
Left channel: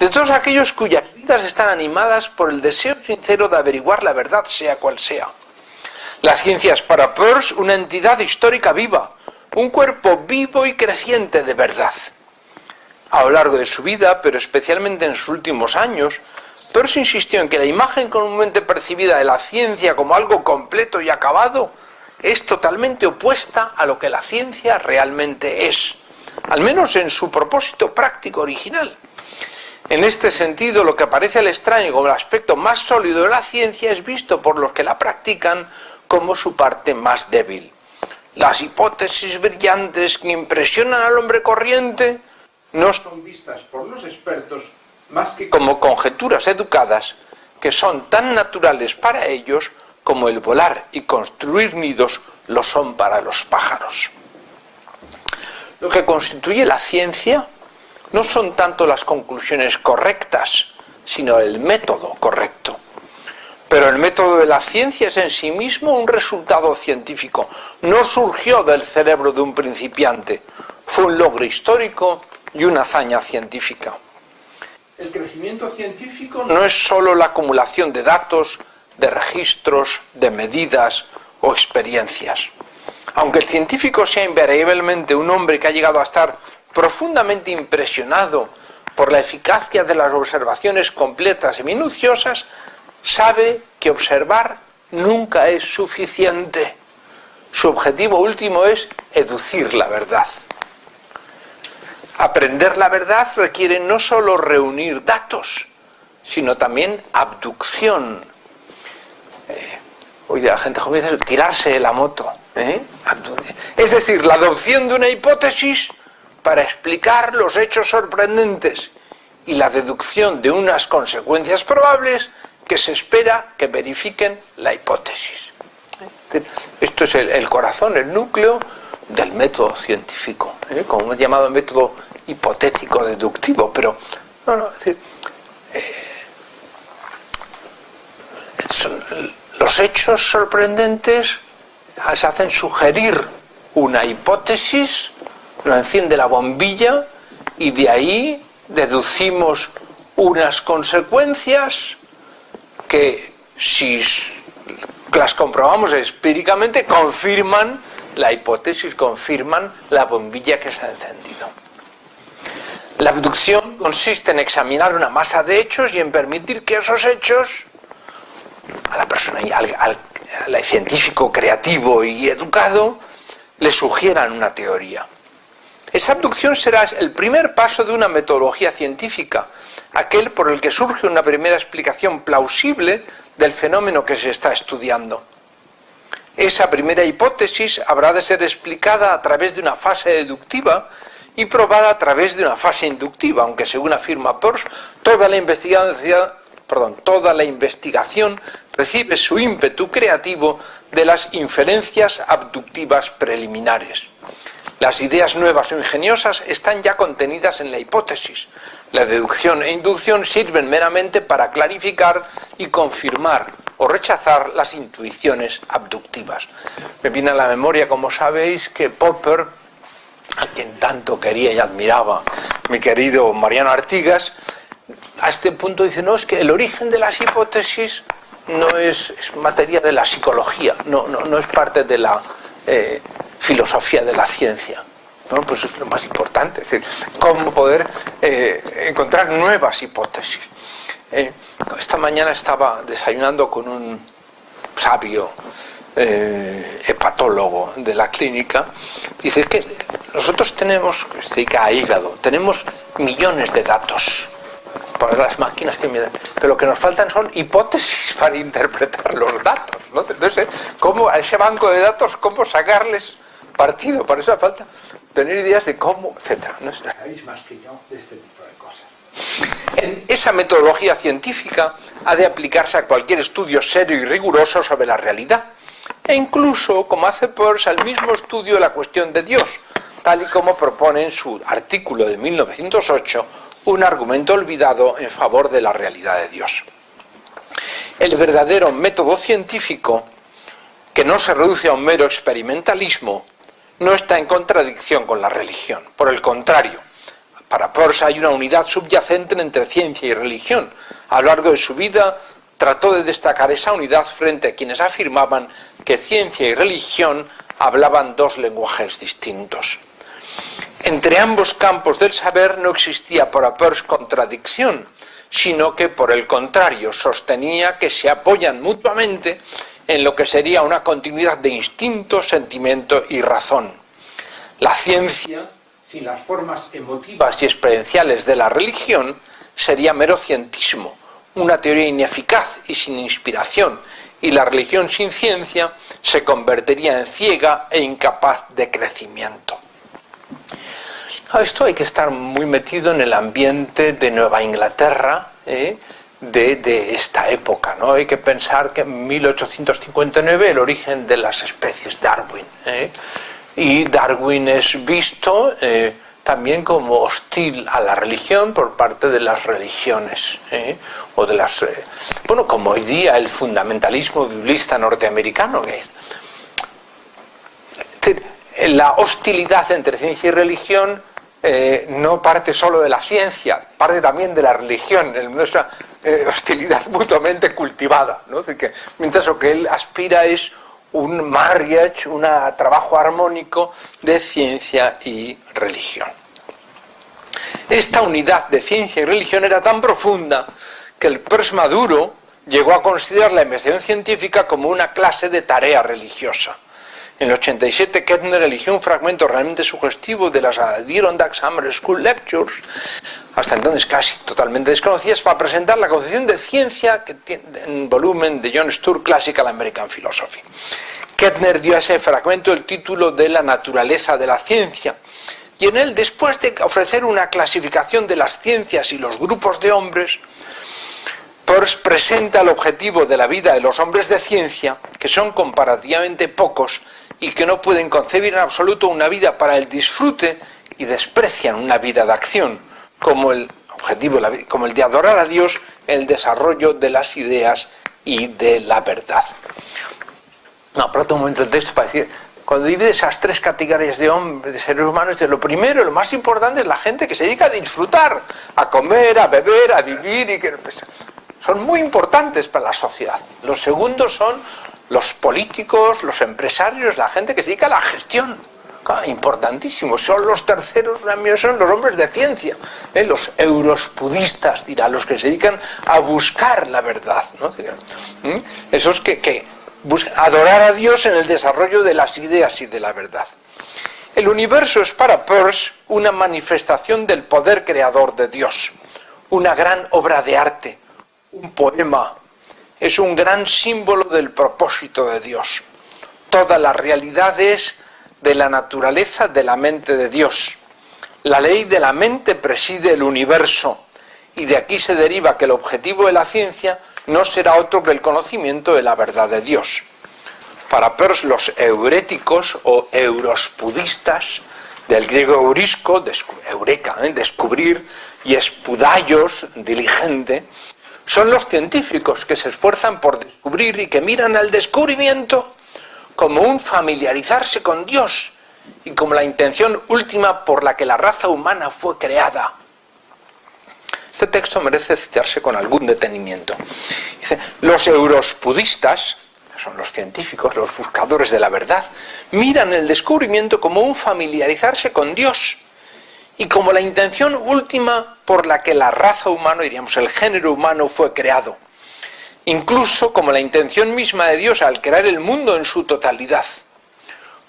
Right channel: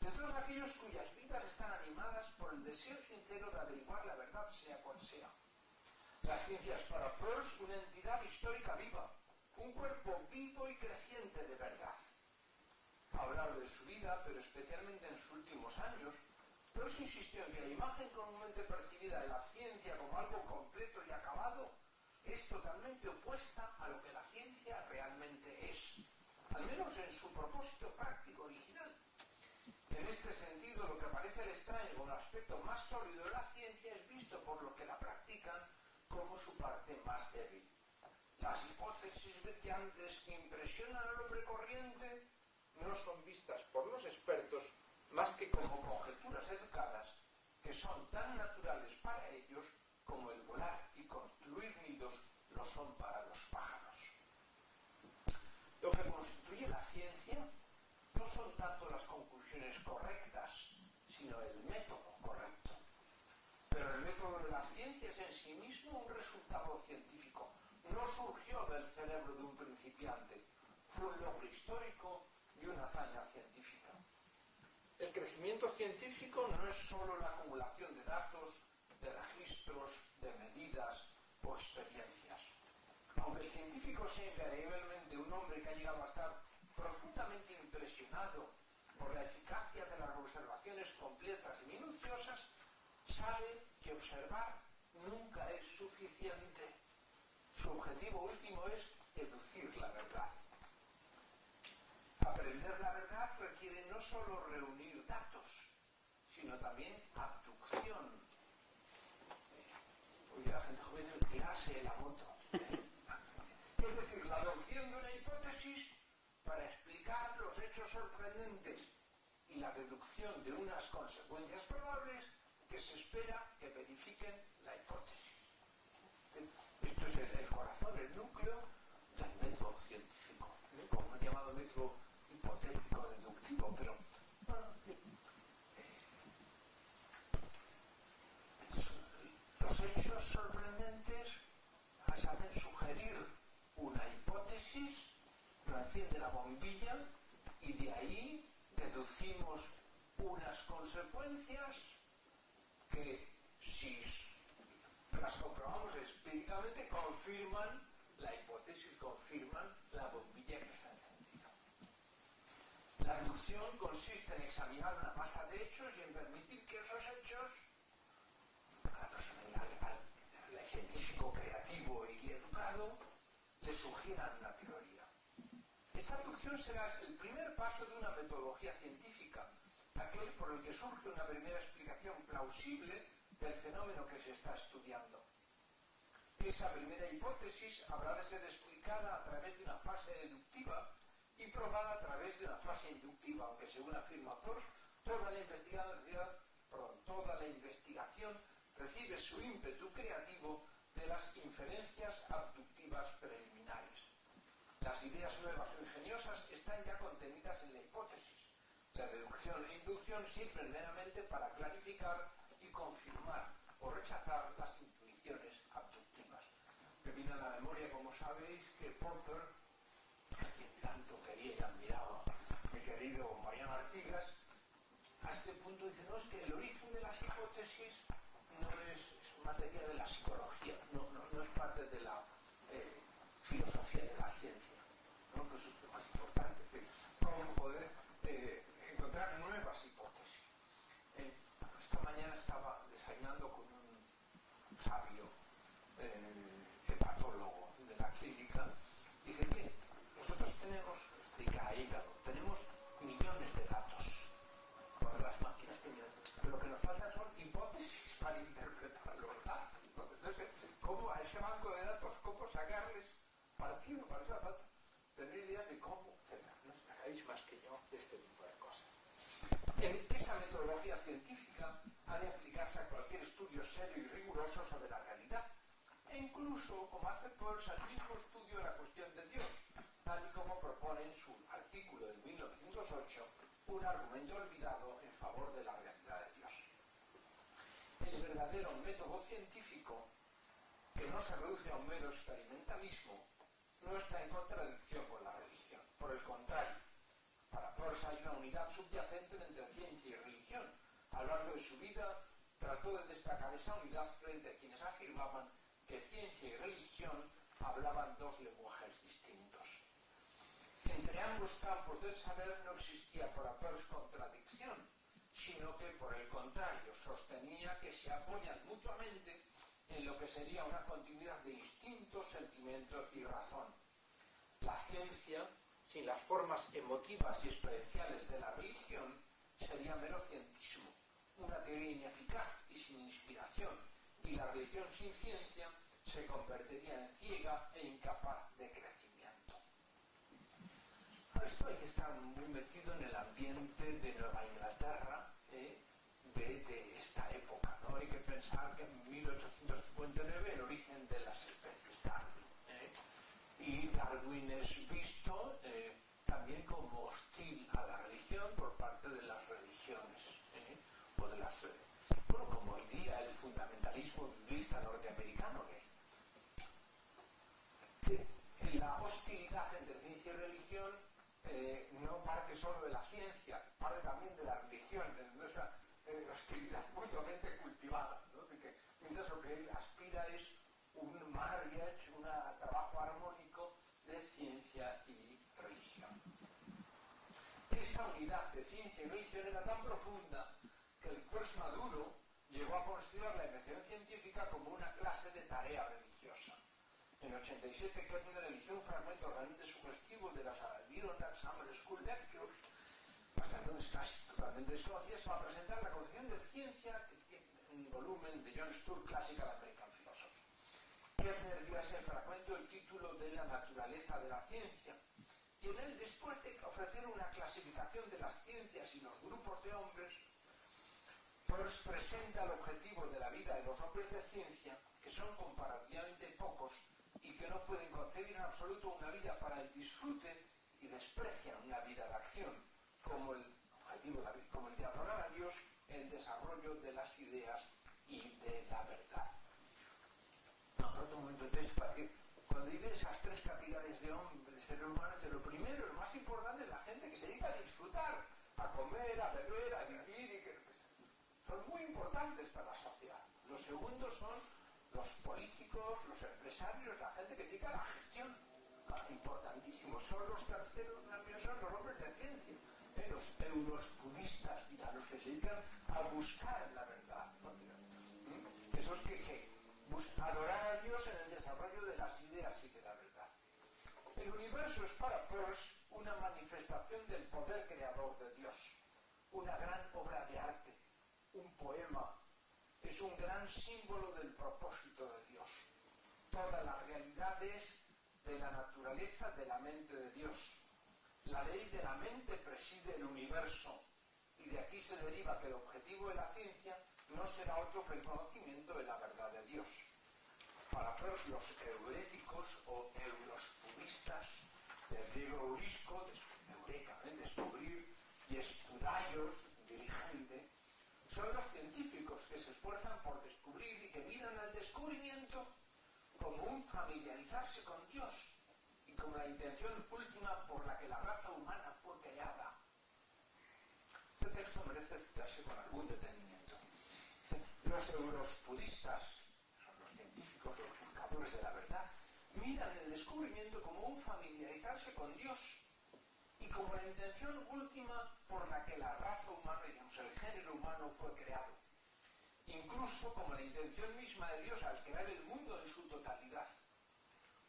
De todos aquellos cuyas vidas están animadas por el deseo sincero de averiguar la verdad, sea cual sea. La ciencia es para Peirce una entidad histórica viva, un cuerpo vivo y creciente de verdad. A lo largo de su vida, pero especialmente en sus últimos años, Peirce insistió en que la imagen comúnmente percibida de la ciencia como algo completo y acabado es totalmente opuesta a lo que la ciencia realmente es, al menos en su propósito práctico original. En este sentido, lo que parece al extraño como el aspecto más sólido de la ciencia es visto por los que la practican como su parte más débil. Las hipótesis brillantes que impresionan al hombre corriente no son vistas por los expertos más que como conjeturas educadas que son tan naturales para ellos como el volar y construir nidos lo son para los pájaros. Lo que constituye la ciencia no son tanto las conclusiones correctas, sino el método correcto. Pero el método de la ciencia es en sí mismo un resultado científico. No surgió del cerebro de un principiante. Fue un logro histórico y una hazaña científica. El crecimiento científico no es solo la acumulación de datos, de registros, de medidas o experiencias. Aunque el científico sea invariablemente un hombre que ha llegado a estar profundamente impresionado por la eficacia de las observaciones completas y minuciosas, sabe que observar nunca es suficiente. Su objetivo último es educir la verdad. Aprender la verdad requiere no solo reunir datos, sino también abducción. Hoy la gente joven dice tirarse de la moto. Es decir, la adopción de una hipótesis para explicar los hechos sorprendentes y la deducción de unas consecuencias probables que se espera que verifiquen la hipótesis. Esto es el corazón, el núcleo del método científico, como hemos llamado método hipotético deductivo, pero los hechos sorprendentes se hacen sugerir una hipótesis, lo enciende la bombilla y de ahí deducimos unas consecuencias que, si las comprobamos empíricamente, confirman la hipótesis, confirman la bombilla que se ha encendido. La abducción consiste en examinar una masa de hechos y en permitir que esos hechos a la persona, al científico creativo y educado, le sugieran una teoría. Esa abducción será el primer paso de una metodología científica, aquel por el que surge una primera explicación plausible del fenómeno que se está estudiando. Esa primera hipótesis habrá de ser explicada a través de una fase deductiva y probada a través de una fase inductiva, aunque según afirma Peirce, toda la investigación recibe su ímpetu creativo de las inferencias abductivas preliminares. Las ideas nuevas o ingeniosas están ya contenidas en la hipótesis. La deducción e inducción sirven meramente para clarificar y confirmar o rechazar las intuiciones abductivas. Me viene a la memoria, como sabéis, que Popper, a quien tanto quería y admiraba mi querido Mariano Artigas, a este punto dice, no, es que el origen de las hipótesis no es materia de la psicología, no es parte de la filosofía de la ciencia. Bueno, pues es lo más importante, es decir, cómo poder encontrar nuevas hipótesis. Esta mañana estaba desayunando con un sabio hepatólogo de la clínica. Dice que nosotros tenemos, se dedica a hígado, tenemos millones de datos. Porque las máquinas tienen, pero lo que nos faltan son hipótesis para interpretar los datos, ¿no? Entonces, ¿cómo a ese banco de datos, cómo sacarles partido? Para eso hace falta tener ideas de cómo, etcétera. ¿No? Sabéis más que yo de este tipo de cosas. En esa metodología científica ha de aplicarse a cualquier estudio serio y riguroso sobre la realidad, e incluso, como hace Peirce, al mismo estudio de la cuestión de Dios, tal y como propone en su artículo de 1908, un argumento olvidado en favor de la realidad de Dios. El verdadero método científico, que no se reduce a un mero experimentalismo, no está en contradicción con la religión. Por el contrario, para Peirce hay una unidad subyacente entre ciencia y religión. A lo largo de su vida trató de destacar esa unidad frente a quienes afirmaban que ciencia y religión hablaban dos lenguajes distintos. Entre ambos campos del saber no existía para Peirce contradicción, sino que, por el contrario, sostenía que se apoyan mutuamente en lo que sería una continuidad de instinto, sentimiento y razón. La ciencia, sin las formas emotivas y experienciales de la religión, sería mero cientismo, una teoría ineficaz y sin inspiración, y la religión sin ciencia se convertiría en ciega e incapaz de crecimiento. Esto hay que estar muy metido en el ambiente de Nueva Inglaterra, de esta época, ¿no? Hay que pensar que en 1859 el origen de las especies, Darwin, y Darwin es visto también como hostil a la religión por parte de las religiones, o de las, bueno, como hoy día el fundamentalismo biblista norteamericano, que es decir, la hostilidad entre ciencia y religión no parte solo de la ciencia, parte también de la religión, nuestra hostilidad mutuamente cultivada, ¿no? Es decir, que, mientras lo que él aspira es un marriage, un trabajo armónico de ciencia y religión. Esta unidad de ciencia y religión era tan profunda que el Peirce maduro llegó a considerar la investigación científica como una clase de tarea religiosa. En el 87, Kettner eligió un fragmento realmente sugestivo de las Adirondack Summer School Lectures, hasta entonces casi totalmente desconocidas, para presentar la concepción de ciencia que tiene en volumen de John Stuart Classical American Philosophy. Kettner dio a ese fragmento el título de La naturaleza de la ciencia, y en él, después de ofrecer una clasificación de las ciencias y los grupos de hombres, Peirce presenta el objetivo de la vida de los hombres de ciencia, que son comparativamente pocos y que no pueden concebir en absoluto una vida para el disfrute y desprecian una vida de acción, como el objetivo, como el de adorar a Dios, el desarrollo de las ideas y de la verdad. No, aprovecho un momento el texto para decir, cuando divide esas tres categorías de hombres, de seres humanos, lo primero, lo más importante es la gente que se dedica a disfrutar, a comer, a beber, a vivir, y que son muy importantes para la sociedad. Los segundos son los políticos, los empresarios, la gente que se dedica a la gestión. Importantísimos. Son los terceros, son los hombres de ciencia, los eurospudistas, dirá, los que se dedican a buscar la verdad, ¿no? Esos que buscan adorar a Dios en el desarrollo de las ideas y de la verdad. El universo es para Peirce una manifestación del poder creador de Dios, una gran obra de arte, un poema, es un gran símbolo del propósito de Dios. Toda la realidad es de la naturaleza de la mente de Dios. La ley de la mente preside el universo, y de aquí se deriva que el objetivo de la ciencia no será otro que el conocimiento de la verdad de Dios. Para Peirce, los euréticos o eurospudistas, del griego eurisco, eureka, descubrir, y espudaios, diligente, son los científicos que se esfuerzan por descubrir y que miran al descubrimiento como un familiarizarse con Dios y como la intención última por la que la raza humana fue creada. Este texto merece citarse con algún detenimiento. Dice, los eurospudistas, son los científicos, los buscadores de la verdad, miran el descubrimiento como un familiarizarse con Dios y como la intención última por la que la raza humana, diríamos el género humano, fue creado. Incluso como la intención misma de Dios al crear el mundo en su totalidad.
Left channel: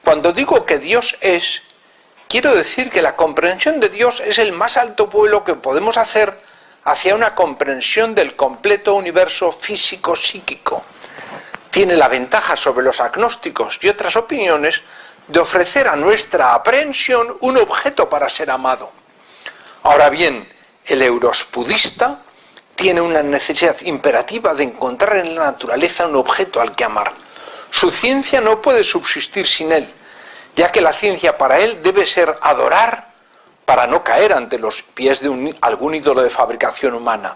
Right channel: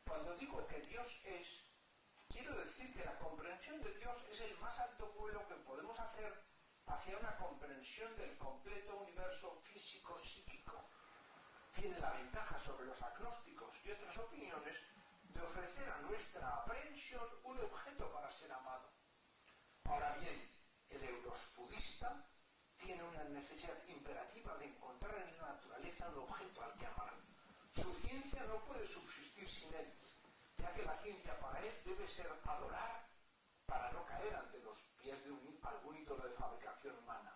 Cuando digo que Dios es, quiero decir que la comprensión de Dios es el más alto vuelo que podemos hacer hacia una comprensión del completo universo físico-psíquico. Tiene la ventaja sobre los agnósticos y otras opiniones de ofrecer a nuestra aprehensión un objeto para ser amado. Ahora bien, el eurospudista tiene una necesidad imperativa de encontrar en la naturaleza un objeto al que amar. Su ciencia no puede subsistir sin él, ya que la ciencia para él debe ser adorar para no caer ante los pies de algún ídolo de fabricación humana.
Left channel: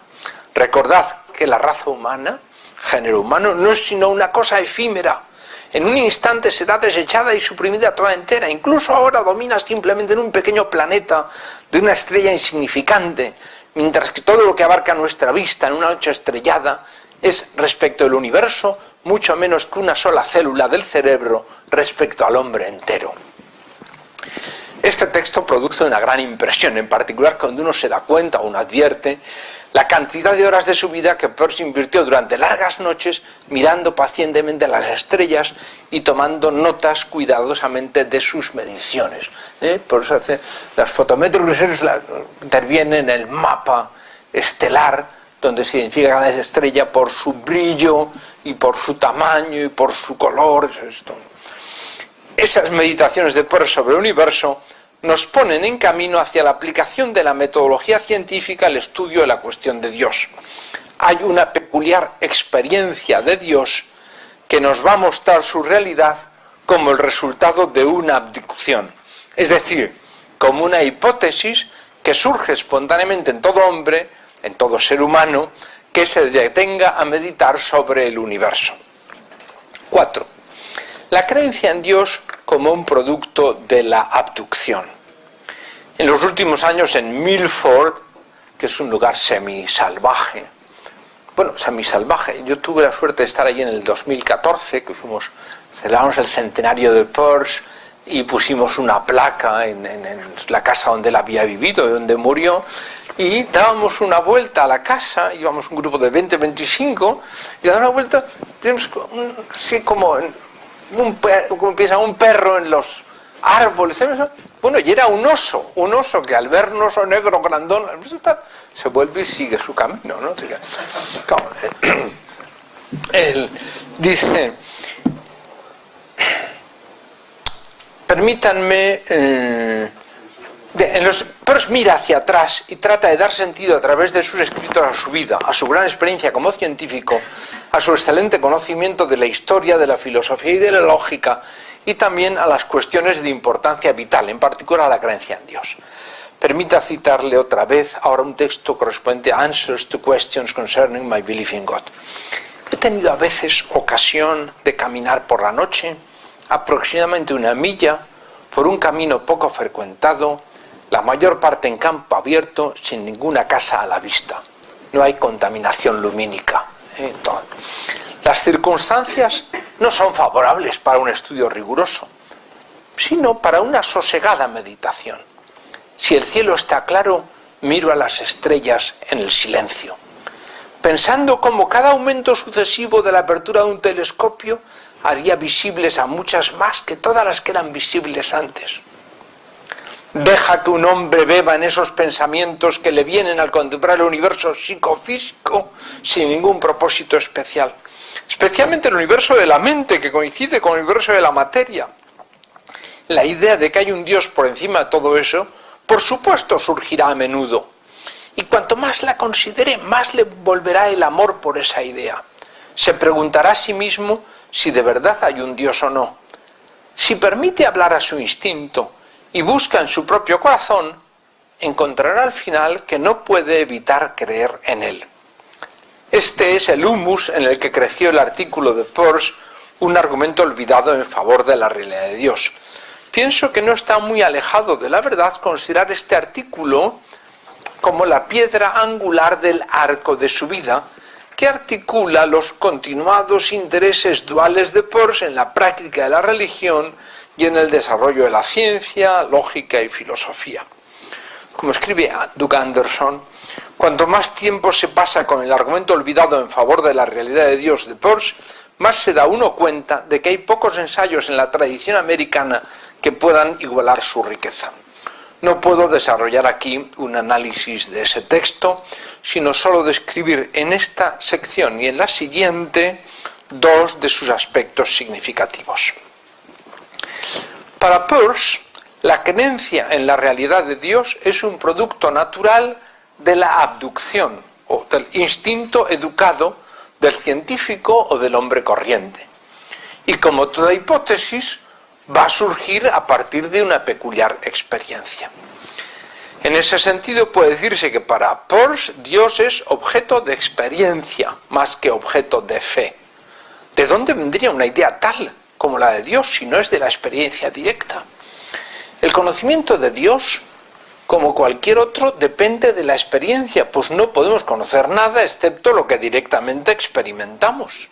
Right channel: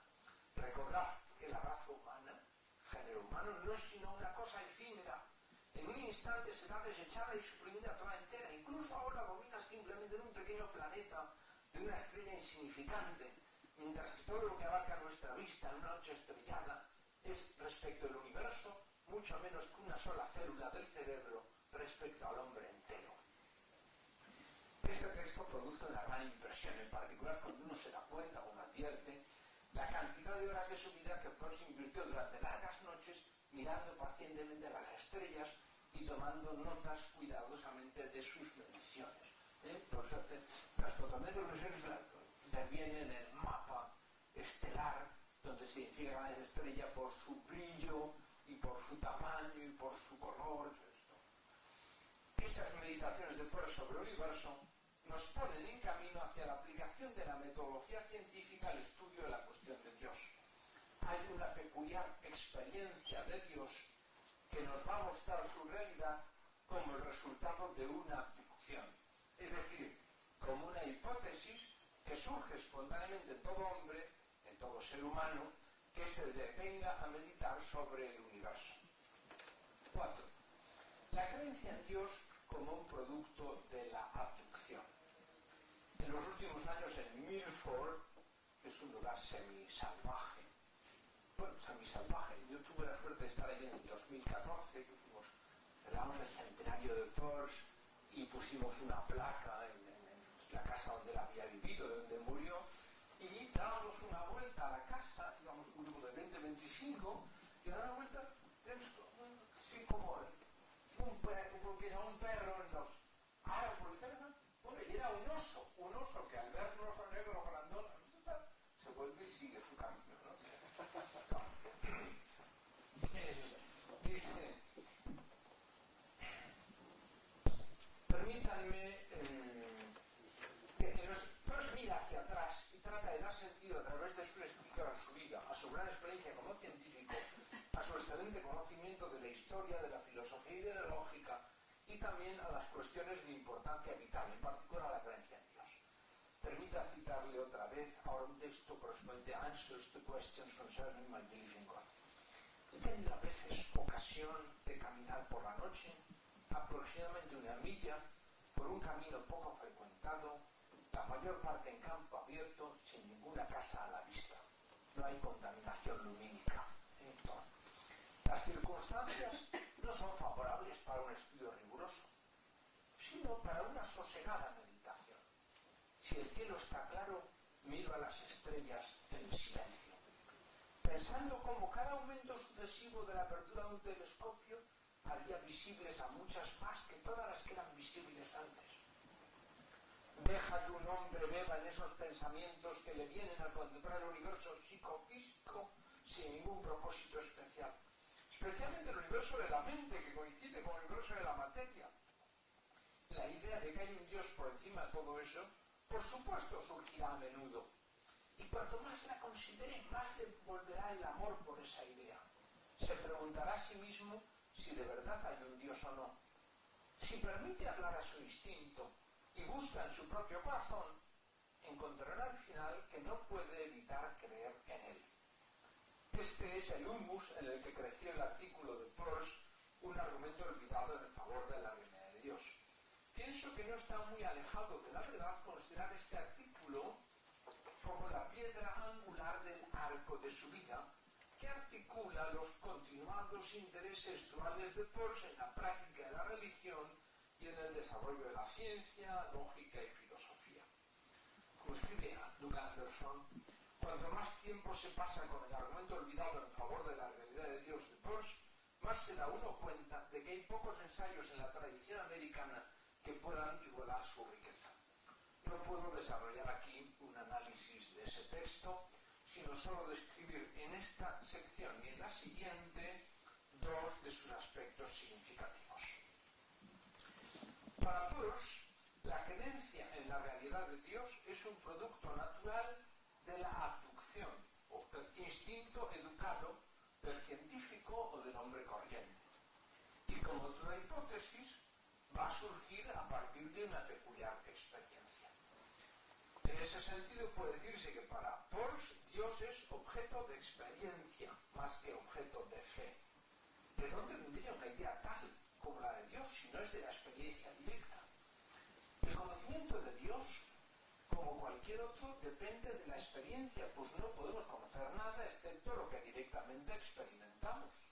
Recordad que la raza humana, género humano, no es sino una cosa efímera. En un instante será desechada y suprimida toda entera. Incluso ahora domina simplemente en un pequeño planeta de una estrella insignificante, mientras que todo lo que abarca nuestra vista en una noche estrellada es, respecto del universo, mucho menos que una sola célula del cerebro respecto al hombre entero. Este texto produce una gran impresión, en particular cuando uno se da cuenta o uno advierte la cantidad de horas de su vida que Peirce invirtió durante largas noches mirando pacientemente las estrellas y tomando notas cuidadosamente de sus mediciones. Por eso las fotométricas intervienen en el mapa estelar, donde se identifica cada estrella por su brillo y por su tamaño y por su color. Esas meditaciones de Peirce sobre el universo nos ponen en camino hacia la aplicación de la metodología científica al estudio de la cuestión de Dios. Hay una peculiar experiencia de Dios que nos va a mostrar su realidad como el resultado de una abducción, es decir, como una hipótesis que surge espontáneamente en todo hombre, en todo ser humano, que se detenga a meditar sobre el universo. 4. La creencia en Dios como un producto de la abducción. En los últimos años en Milford, que es un lugar semisalvaje, yo tuve la suerte de estar allí en el 2014, que celebramos el centenario de Peirce y pusimos una placa en la casa donde él había vivido, donde murió, y dábamos una vuelta a la casa, íbamos un grupo de 20-25, y dábamos una vuelta, así como piensa un perro en los árboles, ¿sabes? Bueno, y era un oso que al ver un oso negro grandón se vuelve y sigue su camino, ¿no? Él dice, permítanme, Peirce mira hacia atrás y trata de dar sentido a través de sus escritos a su vida, a su gran experiencia como científico, a su excelente conocimiento de la historia, de la filosofía y de la lógica, y también a las cuestiones de importancia vital, en particular a la creencia en Dios. Permita citarle otra vez ahora un texto correspondiente a Answers to Questions Concerning My Belief in God. He tenido a veces ocasión de caminar por la noche, aproximadamente 1 milla, por un camino poco frecuentado, la mayor parte en campo abierto, sin ninguna casa a la vista. No hay contaminación lumínica. Las circunstancias no son favorables para un estudio riguroso, sino para una sosegada meditación. Si el cielo está claro, miro a las estrellas en el silencio, pensando cómo cada aumento sucesivo de la apertura de un telescopio haría visibles a muchas más que todas las que eran visibles antes. Deja que un hombre beba en esos pensamientos que le vienen al contemplar el universo psicofísico sin ningún propósito especial. Especialmente el universo de la mente, que coincide con el universo de la materia. La idea de que hay un Dios por encima de todo eso, por supuesto, surgirá a menudo. Y cuanto más la considere, más le volverá el amor por esa idea. Se preguntará a sí mismo si de verdad hay un Dios o no. Si permite hablar a su instinto y busca en su propio corazón, encontrará al final que no puede evitar creer en él. Este es el humus en el que creció el artículo de Peirce, un argumento olvidado en favor de la realidad de Dios. pienso que no está muy alejado de la verdad considerar este artículo como la piedra angular del arco de su vida, que articula los continuados intereses duales de Peirce en la práctica de la religión y en el desarrollo de la ciencia, lógica y filosofía. Como escribe Doug Anderson, cuanto más tiempo se pasa con el argumento olvidado en favor de la realidad de Dios de Peirce, más se da uno cuenta de que hay pocos ensayos en la tradición americana que puedan igualar su riqueza. No puedo desarrollar aquí un análisis de ese texto, sino solo describir en esta sección y en la siguiente dos de sus aspectos significativos. Para Peirce, la creencia en la realidad de Dios es un producto natural de la abducción o del instinto educado del científico o del hombre corriente. Y como toda hipótesis, va a surgir a partir de una peculiar experiencia. En ese sentido puede decirse que para Peirce Dios es objeto de experiencia más que objeto de fe. ¿De dónde vendría una idea tal como la de Dios si no es de la experiencia directa? El conocimiento de Dios, como cualquier otro, depende de la experiencia, pues no podemos conocer nada excepto lo que directamente experimentamos.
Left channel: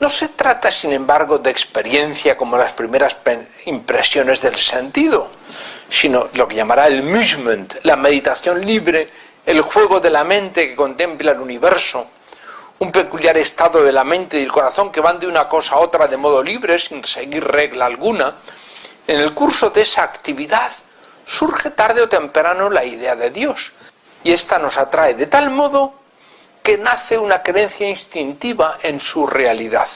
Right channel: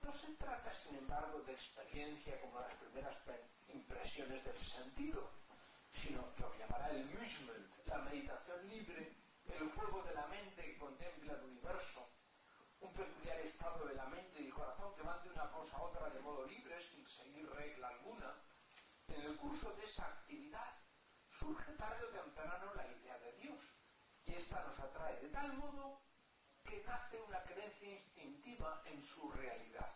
No se trata, sin embargo, de experiencia como las primeras impresiones del sentido, sino lo que llamará el musement, la meditación libre, el juego de la mente que contempla el universo, un peculiar estado de la mente y del corazón que van de una cosa a otra de modo libre, sin seguir regla alguna. En el curso de esa actividad surge tarde o temprano la idea de Dios, y esta nos atrae de tal modo que nace una creencia instintiva en su realidad.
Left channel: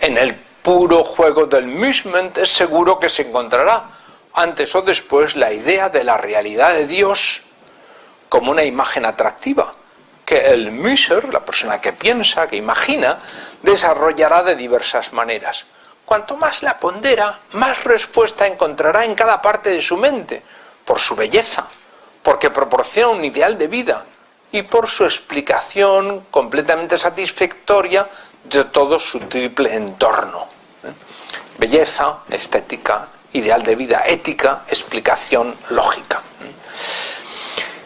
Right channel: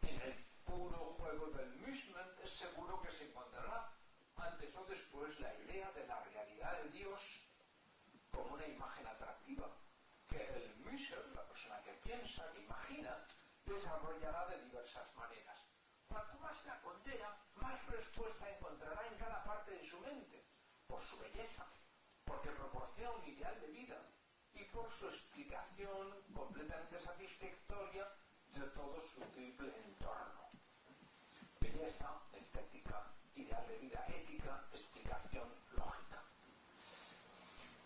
En el puro juego del musement es seguro que se encontrará, antes o después, la idea de la realidad de Dios como una imagen atractiva, que el muser, la persona que piensa, que imagina, desarrollará de diversas maneras. Cuanto más la pondera, más respuesta encontrará en cada parte de su mente, por su belleza, porque proporciona un ideal de vida y por su explicación completamente satisfactoria de todo su triple entorno. Belleza, estética, ideal de vida, ética, explicación lógica.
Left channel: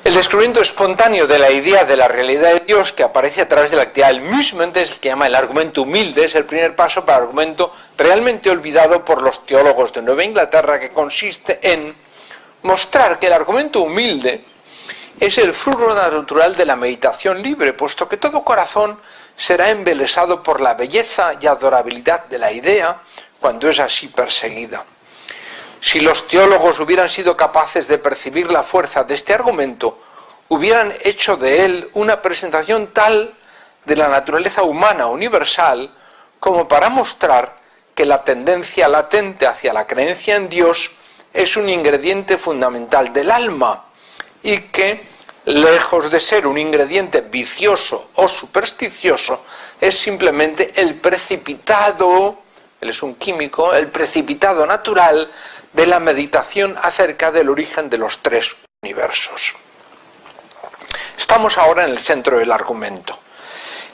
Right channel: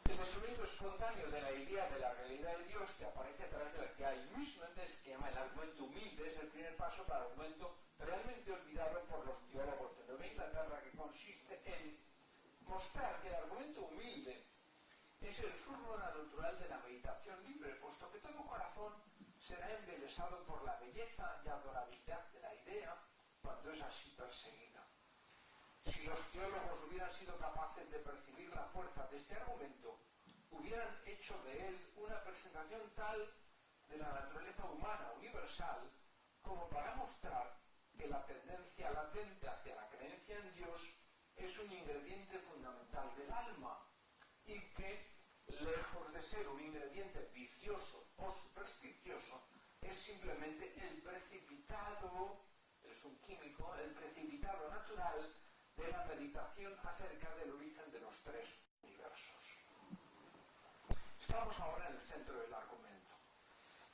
El descubrimiento espontáneo de la idea de la realidad de Dios que aparece a través de la actividad del musement es el que llama el argumento humilde, es el primer paso para el argumento realmente olvidado por los teólogos de Nueva Inglaterra, que consiste en mostrar que el argumento humilde es el fruto natural de la meditación libre, puesto que todo corazón será embelesado por la belleza y adorabilidad de la idea cuando es así perseguida. Si los teólogos hubieran sido capaces de percibir la fuerza de este argumento, hubieran hecho de él una presentación tal de la naturaleza humana universal como para mostrar que la tendencia latente hacia la creencia en Dios es un ingrediente fundamental del alma y que, lejos de ser un ingrediente vicioso o supersticioso, es simplemente el precipitado, él es un químico, el precipitado natural de la meditación acerca del origen de los tres universos. Estamos ahora en el centro del argumento.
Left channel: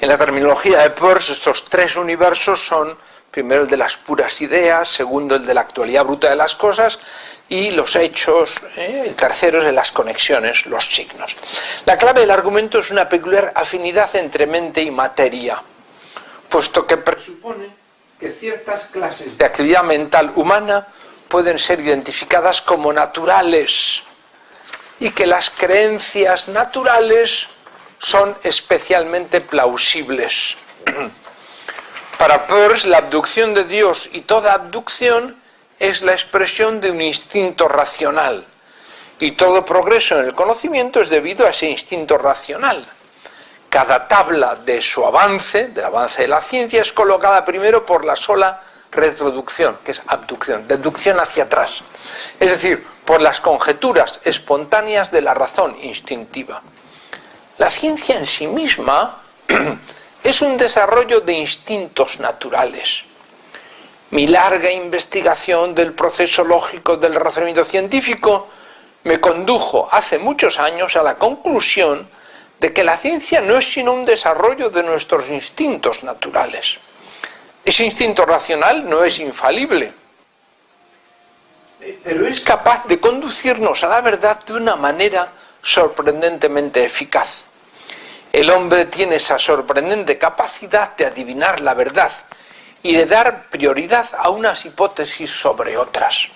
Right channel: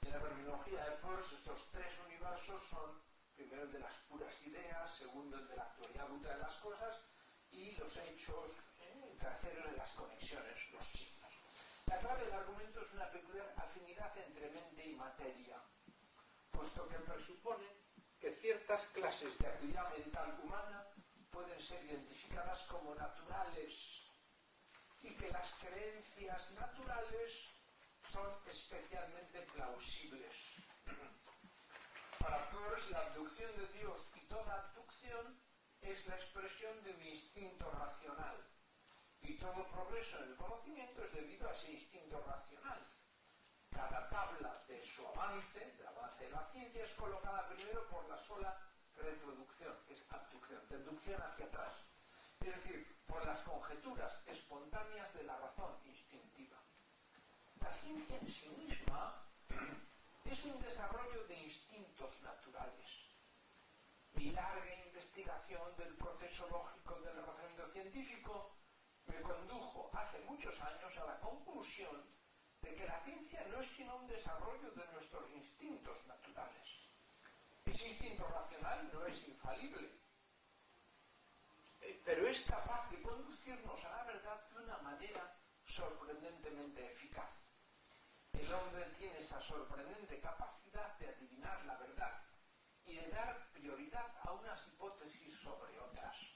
En la terminología de Peirce, estos tres universos son, primero, el de las puras ideas, segundo, el de la actualidad bruta de las cosas, y los hechos, el tercero es de las conexiones, los signos. La clave del argumento es una peculiar afinidad entre mente y materia, puesto que presupone que ciertas clases de actividad mental humana pueden ser identificadas como naturales y que las creencias naturales son especialmente plausibles. Para Peirce, la abducción de Dios y toda abducción es la expresión de un instinto racional, y todo progreso en el conocimiento es debido a ese instinto racional. Cada tabla de su avance, del avance de la ciencia, es colocada primero por la sola retroducción, que es abducción, deducción hacia atrás, es decir, por las conjeturas espontáneas de la razón instintiva. La ciencia en sí misma es un desarrollo de instintos naturales. Mi larga investigación del proceso lógico del razonamiento científico me condujo hace muchos años a la conclusión de que la ciencia no es sino un desarrollo de nuestros instintos naturales. Ese instinto racional no es infalible. pero es capaz de conducirnos a la verdad de una manera sorprendentemente eficaz. El hombre tiene esa sorprendente capacidad de adivinar la verdad y de dar prioridad a unas hipótesis sobre otras.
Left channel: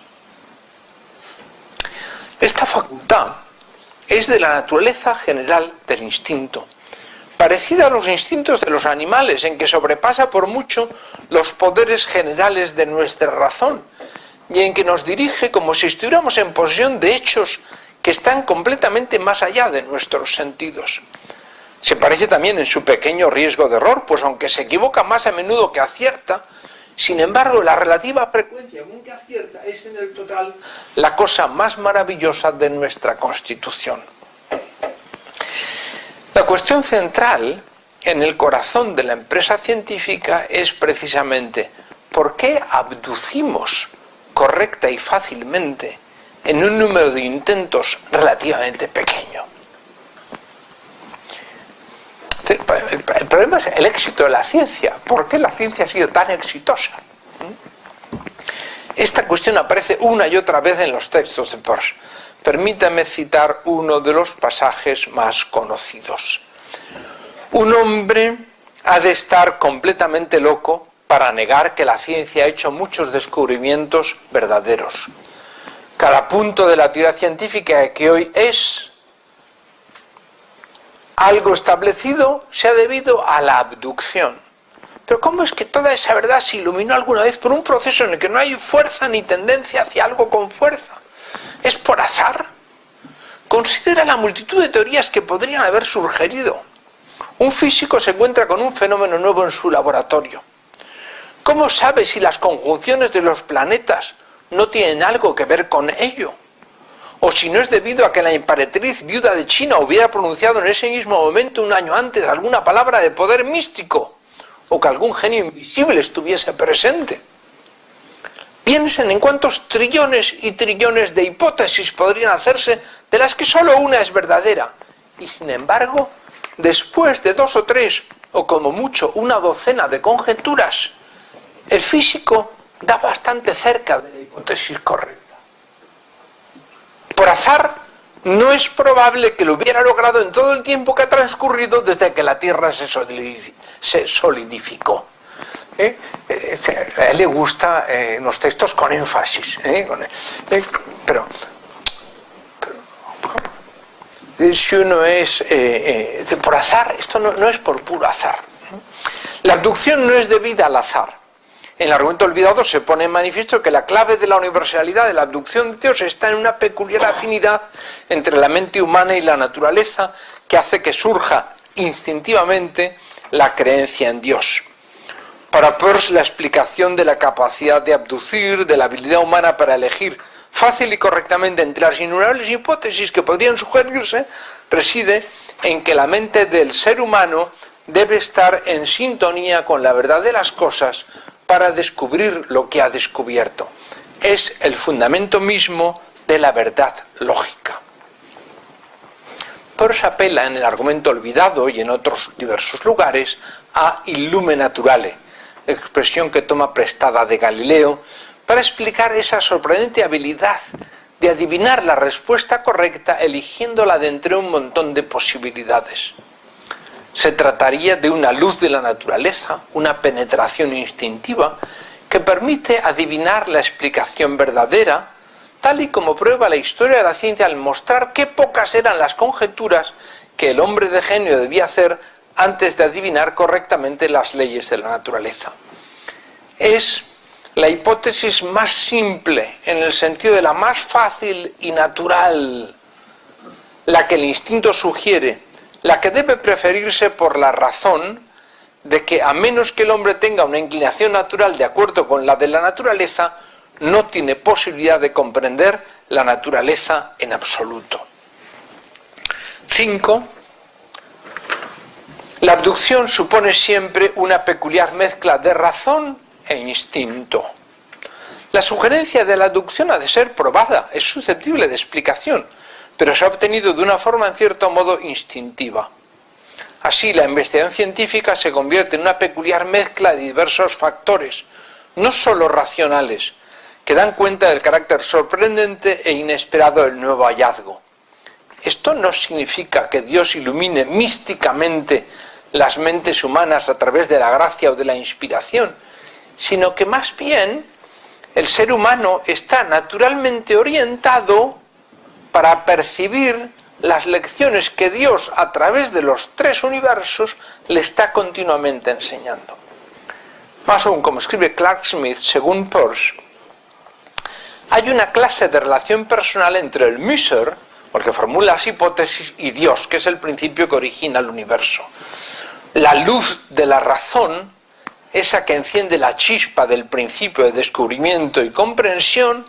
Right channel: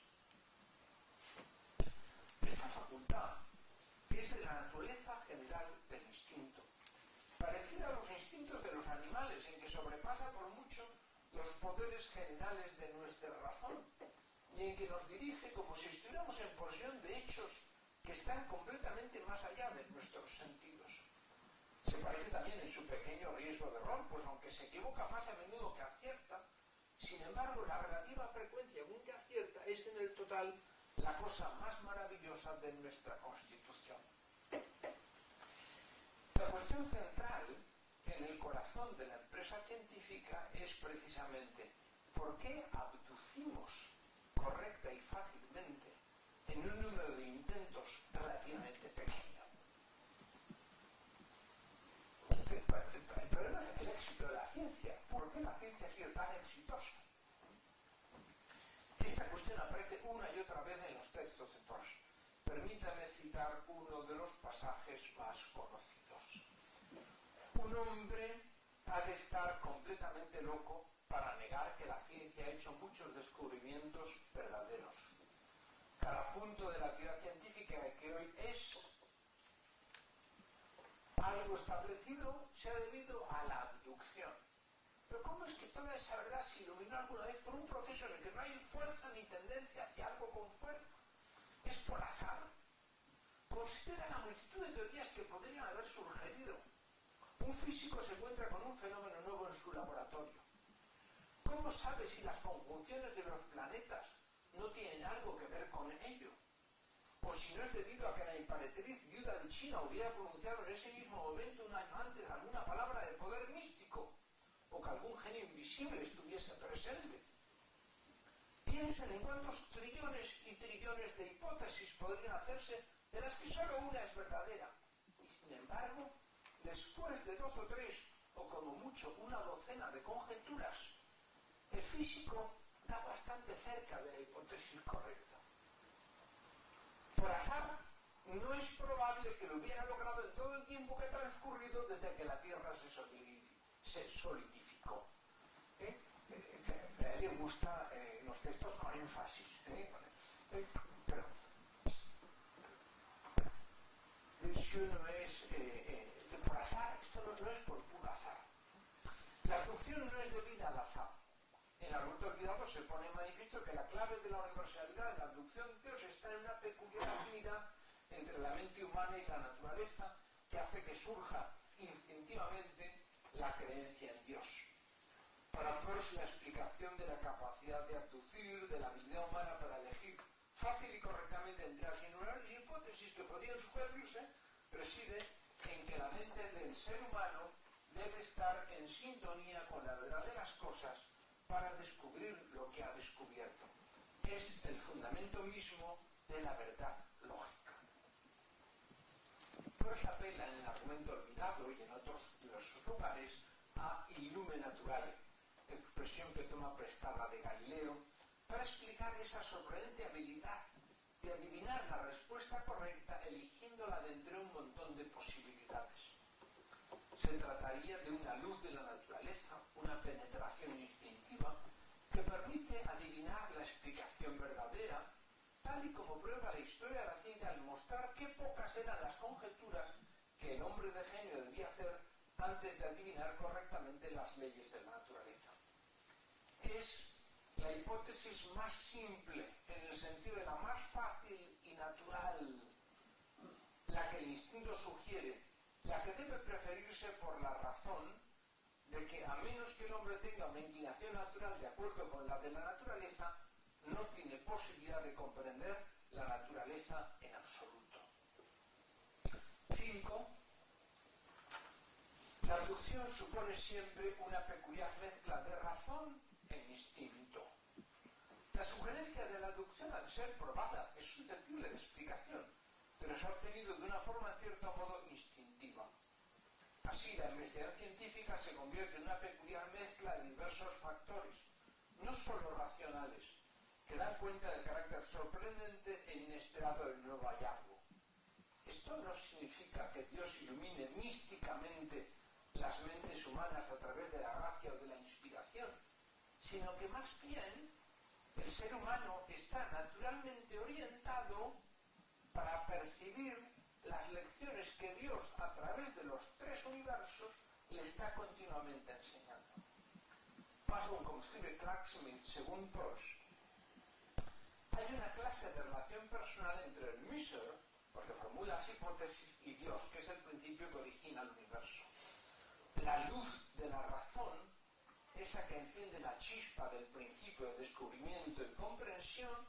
Esta facultad es de la naturaleza general del instinto, parecida a los instintos de los animales, en que sobrepasa por mucho los poderes generales de nuestra razón y en que nos dirige como si estuviéramos en posesión de hechos que están completamente más allá de nuestros sentidos. Se parece también en su pequeño riesgo de error, pues aunque se equivoca más a menudo que acierta, sin embargo la relativa frecuencia con que acierta es en el total la cosa más maravillosa de nuestra constitución. La cuestión central en el corazón de la empresa científica es precisamente ¿por qué abducimos correcta y fácilmente en un número de intentos relativamente pequeño? El problema es el éxito de la ciencia. ¿Por qué la ciencia ha sido tan exitosa? Esta cuestión aparece una y otra vez en los textos de Peirce. Permítame citar uno de los pasajes más conocidos. Un hombre ha de estar completamente loco para negar que la ciencia ha hecho muchos descubrimientos verdaderos. Cada punto de la teoría científica que hoy es algo establecido se ha debido a la abducción. Pero ¿cómo es que toda esa verdad se iluminó alguna vez por un proceso en el que no hay fuerza ni tendencia hacia algo con fuerza? ¿Es por azar? Considera la multitud de teorías que podrían haber surgido. Un físico se encuentra con un fenómeno nuevo en su laboratorio. ¿Cómo sabe si las conjunciones de los planetas no tienen algo que ver con ello? O si no es debido a que la emperatriz viuda de China hubiera pronunciado en ese mismo momento, un año antes, alguna palabra de poder místico, o que algún genio invisible estuviese presente. Piensen en cuántos trillones y trillones de hipótesis podrían hacerse, de las que solo una es verdadera. Y sin embargo, después de 2 o 3, o como mucho una docena de conjeturas, el físico da bastante cerca de la hipótesis correcta. Por azar, no es probable que lo hubiera logrado en todo el tiempo que ha transcurrido desde que la Tierra se solidificó. A él le gusta los textos con énfasis. Pero si uno es por azar, esto no es por puro azar. La abducción no es debida al azar. En el argumento olvidado se pone en manifiesto que la clave de la universalidad de la abducción de Dios está en una peculiar afinidad entre la mente humana y la naturaleza que hace que surja instintivamente la creencia en Dios. Para Peirce, la explicación de la capacidad de abducir, de la habilidad humana para elegir fácil y correctamente entre las innumerables hipótesis que podrían sugerirse, reside en que la mente del ser humano debe estar en sintonía con la verdad de las cosas para descubrir lo que ha descubierto. Es el fundamento mismo de la verdad lógica. Peirce apela en el argumento olvidado y en otros diversos lugares a illume naturale, expresión que toma prestada de Galileo, para explicar esa sorprendente habilidad de adivinar la respuesta correcta eligiéndola de entre un montón de posibilidades. Se trataría de una luz de la naturaleza, una penetración instintiva que permite adivinar la explicación verdadera, tal y como prueba la historia de la ciencia al mostrar qué pocas eran las conjeturas que el hombre de genio debía hacer antes de adivinar correctamente las leyes de la naturaleza. Es la hipótesis más simple, en el sentido de la más fácil y natural, la que el instinto sugiere, la que debe preferirse por la razón de que, a menos que el hombre tenga una inclinación natural de acuerdo con la de la naturaleza, no tiene posibilidad de comprender la naturaleza en absoluto. 5. La abducción supone siempre una peculiar mezcla de razón e instinto. La sugerencia de la abducción ha de ser probada, es susceptible de explicación, pero se ha obtenido de una forma en cierto modo instintiva. Así, la investigación científica se convierte en una peculiar mezcla de diversos factores, no solo racionales, que dan cuenta del carácter sorprendente e inesperado del nuevo hallazgo. Esto no significa que Dios ilumine místicamente las mentes humanas a través de la gracia o de la inspiración, sino que más bien el ser humano está naturalmente orientado para percibir las lecciones que Dios a través de los tres universos le está continuamente enseñando. Más aún, como escribe Clark Smith, según Peirce, hay una clase de relación personal entre el Müser, el que formula las hipótesis, y Dios, que es el principio que origina el universo. La luz de la razón, esa que enciende la chispa del principio de descubrimiento y comprensión,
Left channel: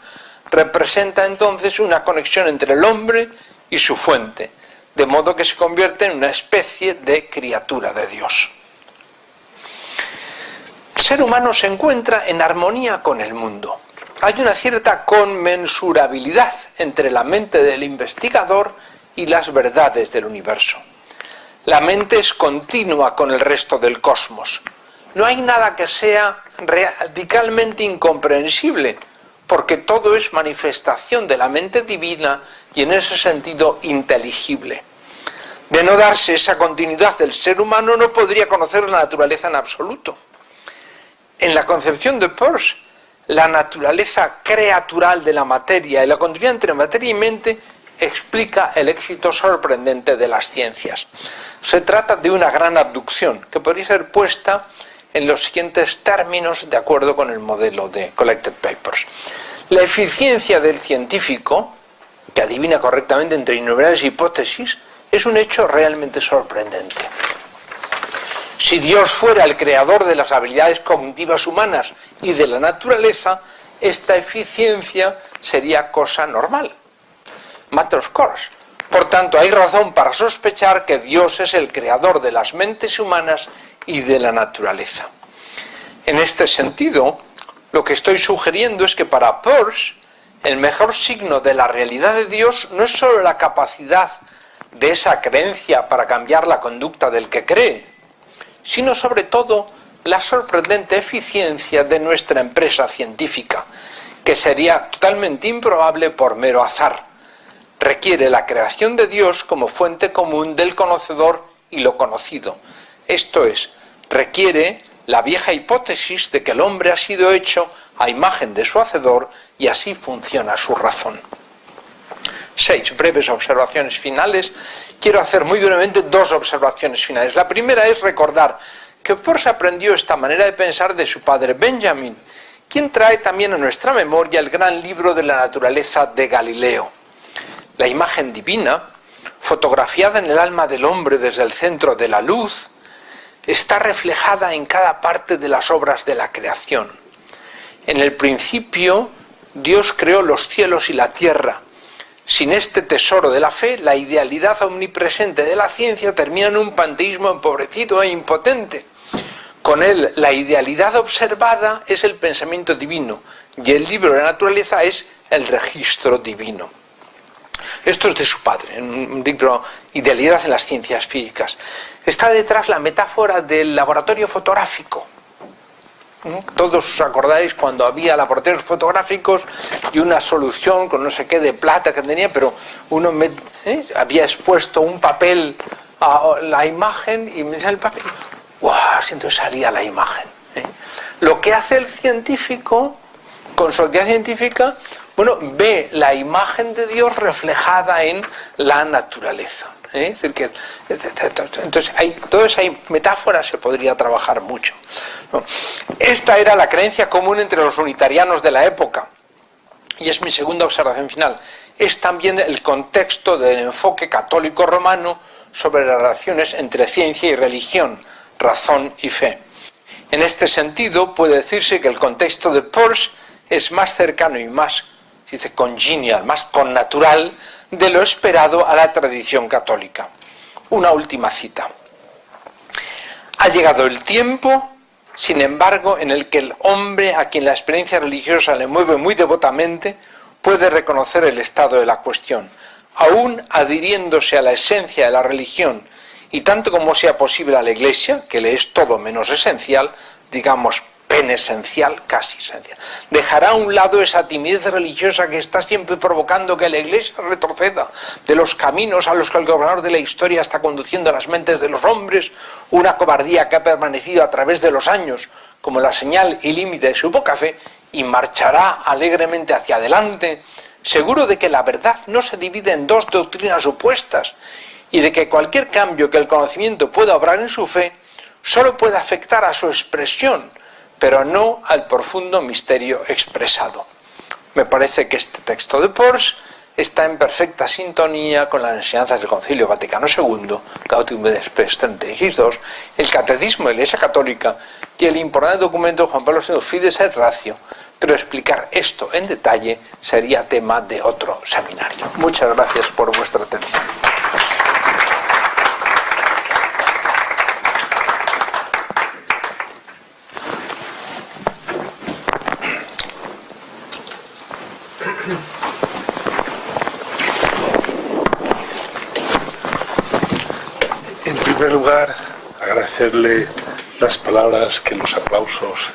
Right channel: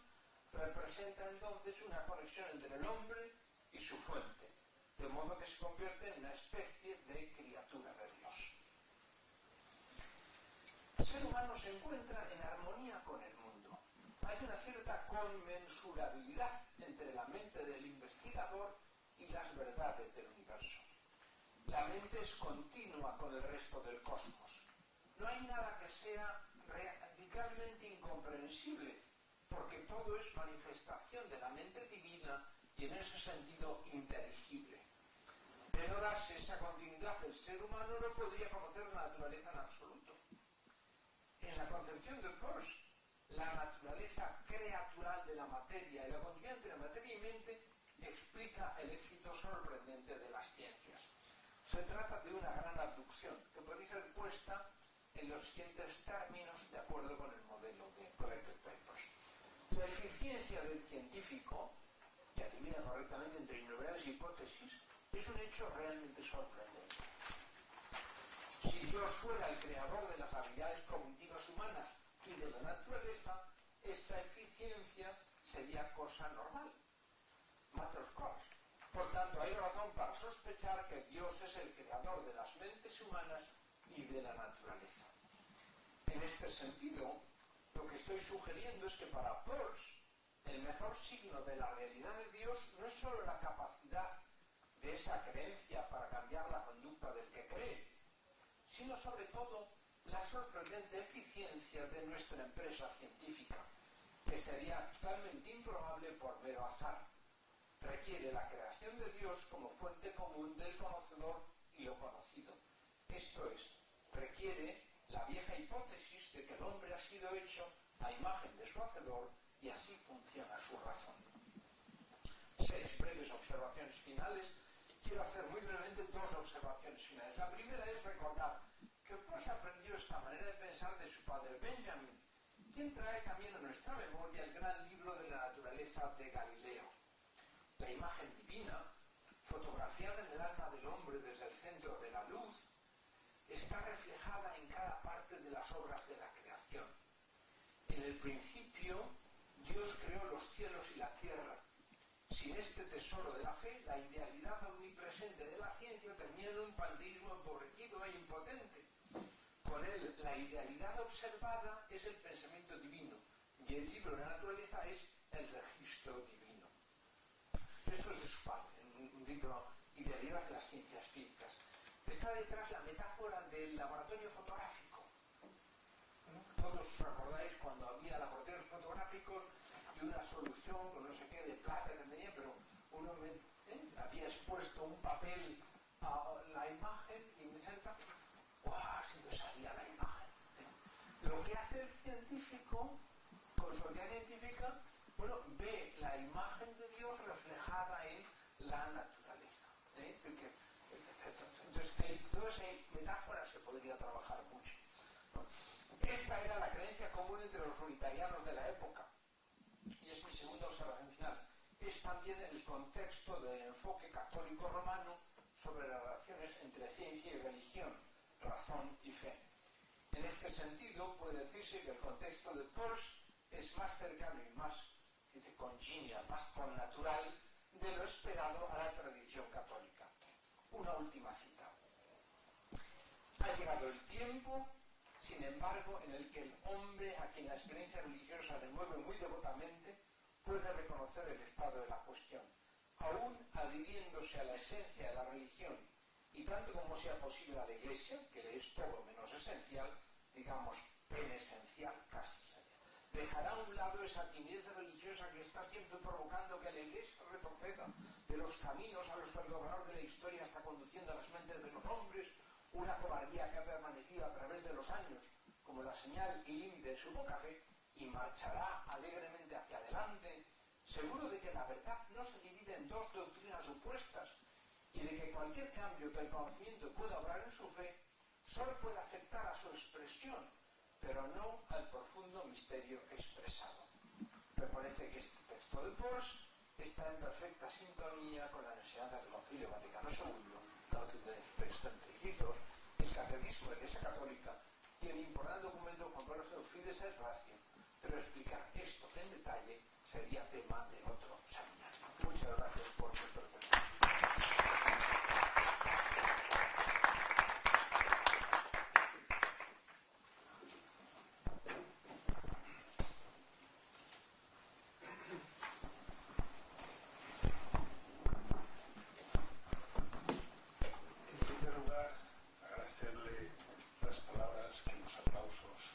representa entonces una conexión entre el hombre y su fuente, de modo que se convierte en una especie de criatura de Dios. El ser humano se encuentra en armonía con el mundo. Hay una cierta conmensurabilidad entre la mente del investigador y las verdades del universo. La mente es continua con el resto del cosmos. No hay nada que sea radicalmente incomprensible, porque todo es manifestación de la mente divina y en ese sentido inteligible. De no darse esa continuidad del ser humano, no podría conocer la naturaleza en absoluto. En la concepción de Peirce, la naturaleza creatural de la materia y la continuidad entre materia y mente explica el éxito sorprendente de las ciencias. Se trata de una gran abducción que podría ser puesta en los siguientes términos de acuerdo con el modelo de Collected Papers. La eficiencia del científico, que adivina correctamente entre innumerables hipótesis, es un hecho realmente sorprendente. Si Dios fuera el creador de las habilidades cognitivas humanas y de la naturaleza, esta eficiencia sería cosa normal. Matter of course. Por tanto, hay razón para sospechar que Dios es el creador de las mentes humanas y de la naturaleza. En este sentido, lo que estoy sugiriendo es que para Peirce, el mejor signo de la realidad de Dios no es solo la capacidad de esa creencia para cambiar la conducta del que cree, sino sobre todo la sorprendente eficiencia de nuestra empresa científica, que sería totalmente improbable por mero azar. Requiere la creación de Dios como fuente común del conocedor y lo conocido. Esto es, requiere la vieja hipótesis de que el hombre ha sido hecho a imagen de su hacedor y así funciona su razón. 6 breves observaciones finales. Quiero hacer muy brevemente 2 observaciones finales. La primera es recordar que Peirce aprendió esta manera de pensar de su padre Benjamin, quien trae también a nuestra memoria el gran libro de la naturaleza de Galileo. La imagen divina, fotografiada en el alma del hombre desde el centro de la luz, está reflejada en cada parte de las obras de la creación. En el principio, Dios creó los cielos y la tierra. Sin este tesoro de la fe, la idealidad omnipresente de la ciencia termina en un panteísmo empobrecido e impotente. Con él, la idealidad observada es el pensamiento divino y el libro de la naturaleza es el registro divino. Esto es de su padre, en un libro Idealidad en las ciencias físicas. Está detrás la metáfora del laboratorio fotográfico. Todos os acordáis cuando había laboratorios fotográficos y una solución con no sé qué de plata que tenía, pero uno había expuesto un papel a la imagen y me decía el papel, ¡guau! Entonces salía la imagen. Lo que hace el científico, con su actividad científica, ve la imagen de Dios reflejada en la naturaleza. Es decir, que, entonces, toda esa metáfora se podría trabajar mucho. Esta era la creencia común entre los unitarianos de la época. Y es mi segunda observación final. Es también el contexto del enfoque católico romano sobre las relaciones entre ciencia y religión, razón y fe. En este sentido, puede decirse que el contexto de Peirce es más cercano y más, congenial, más connatural de lo esperado a la tradición católica. Una última cita. Ha llegado el tiempo, sin embargo, en el que el hombre a quien la experiencia religiosa le mueve muy devotamente puede reconocer el estado de la cuestión, aún adhiriéndose a la esencia de la religión y tanto como sea posible a la Iglesia, que le es todo menos esencial, digamos pen esencial, casi esencial. Dejará a un lado esa timidez religiosa que está siempre provocando que la Iglesia retroceda de los caminos a los que el gobernador de la historia está conduciendo a las mentes de los hombres, una cobardía que ha permanecido a través de los años como la señal y límite de su poca fe, y marchará alegremente hacia adelante, seguro de que la verdad no se divide en dos doctrinas opuestas y de que cualquier cambio que el conocimiento pueda obrar en su fe solo puede afectar a su expresión, pero no al profundo misterio expresado. Me parece que este texto de Peirce está en perfecta sintonía con las enseñanzas del Concilio Vaticano II, Gaudium et Spes 36.2, el Catecismo de la Iglesia Católica y el importante documento de Juan Pablo II, Fides et Ratio, pero explicar esto en detalle sería tema de otro seminario. Muchas gracias por vuestra atención. En primer lugar, agradecerle las palabras que los aplausos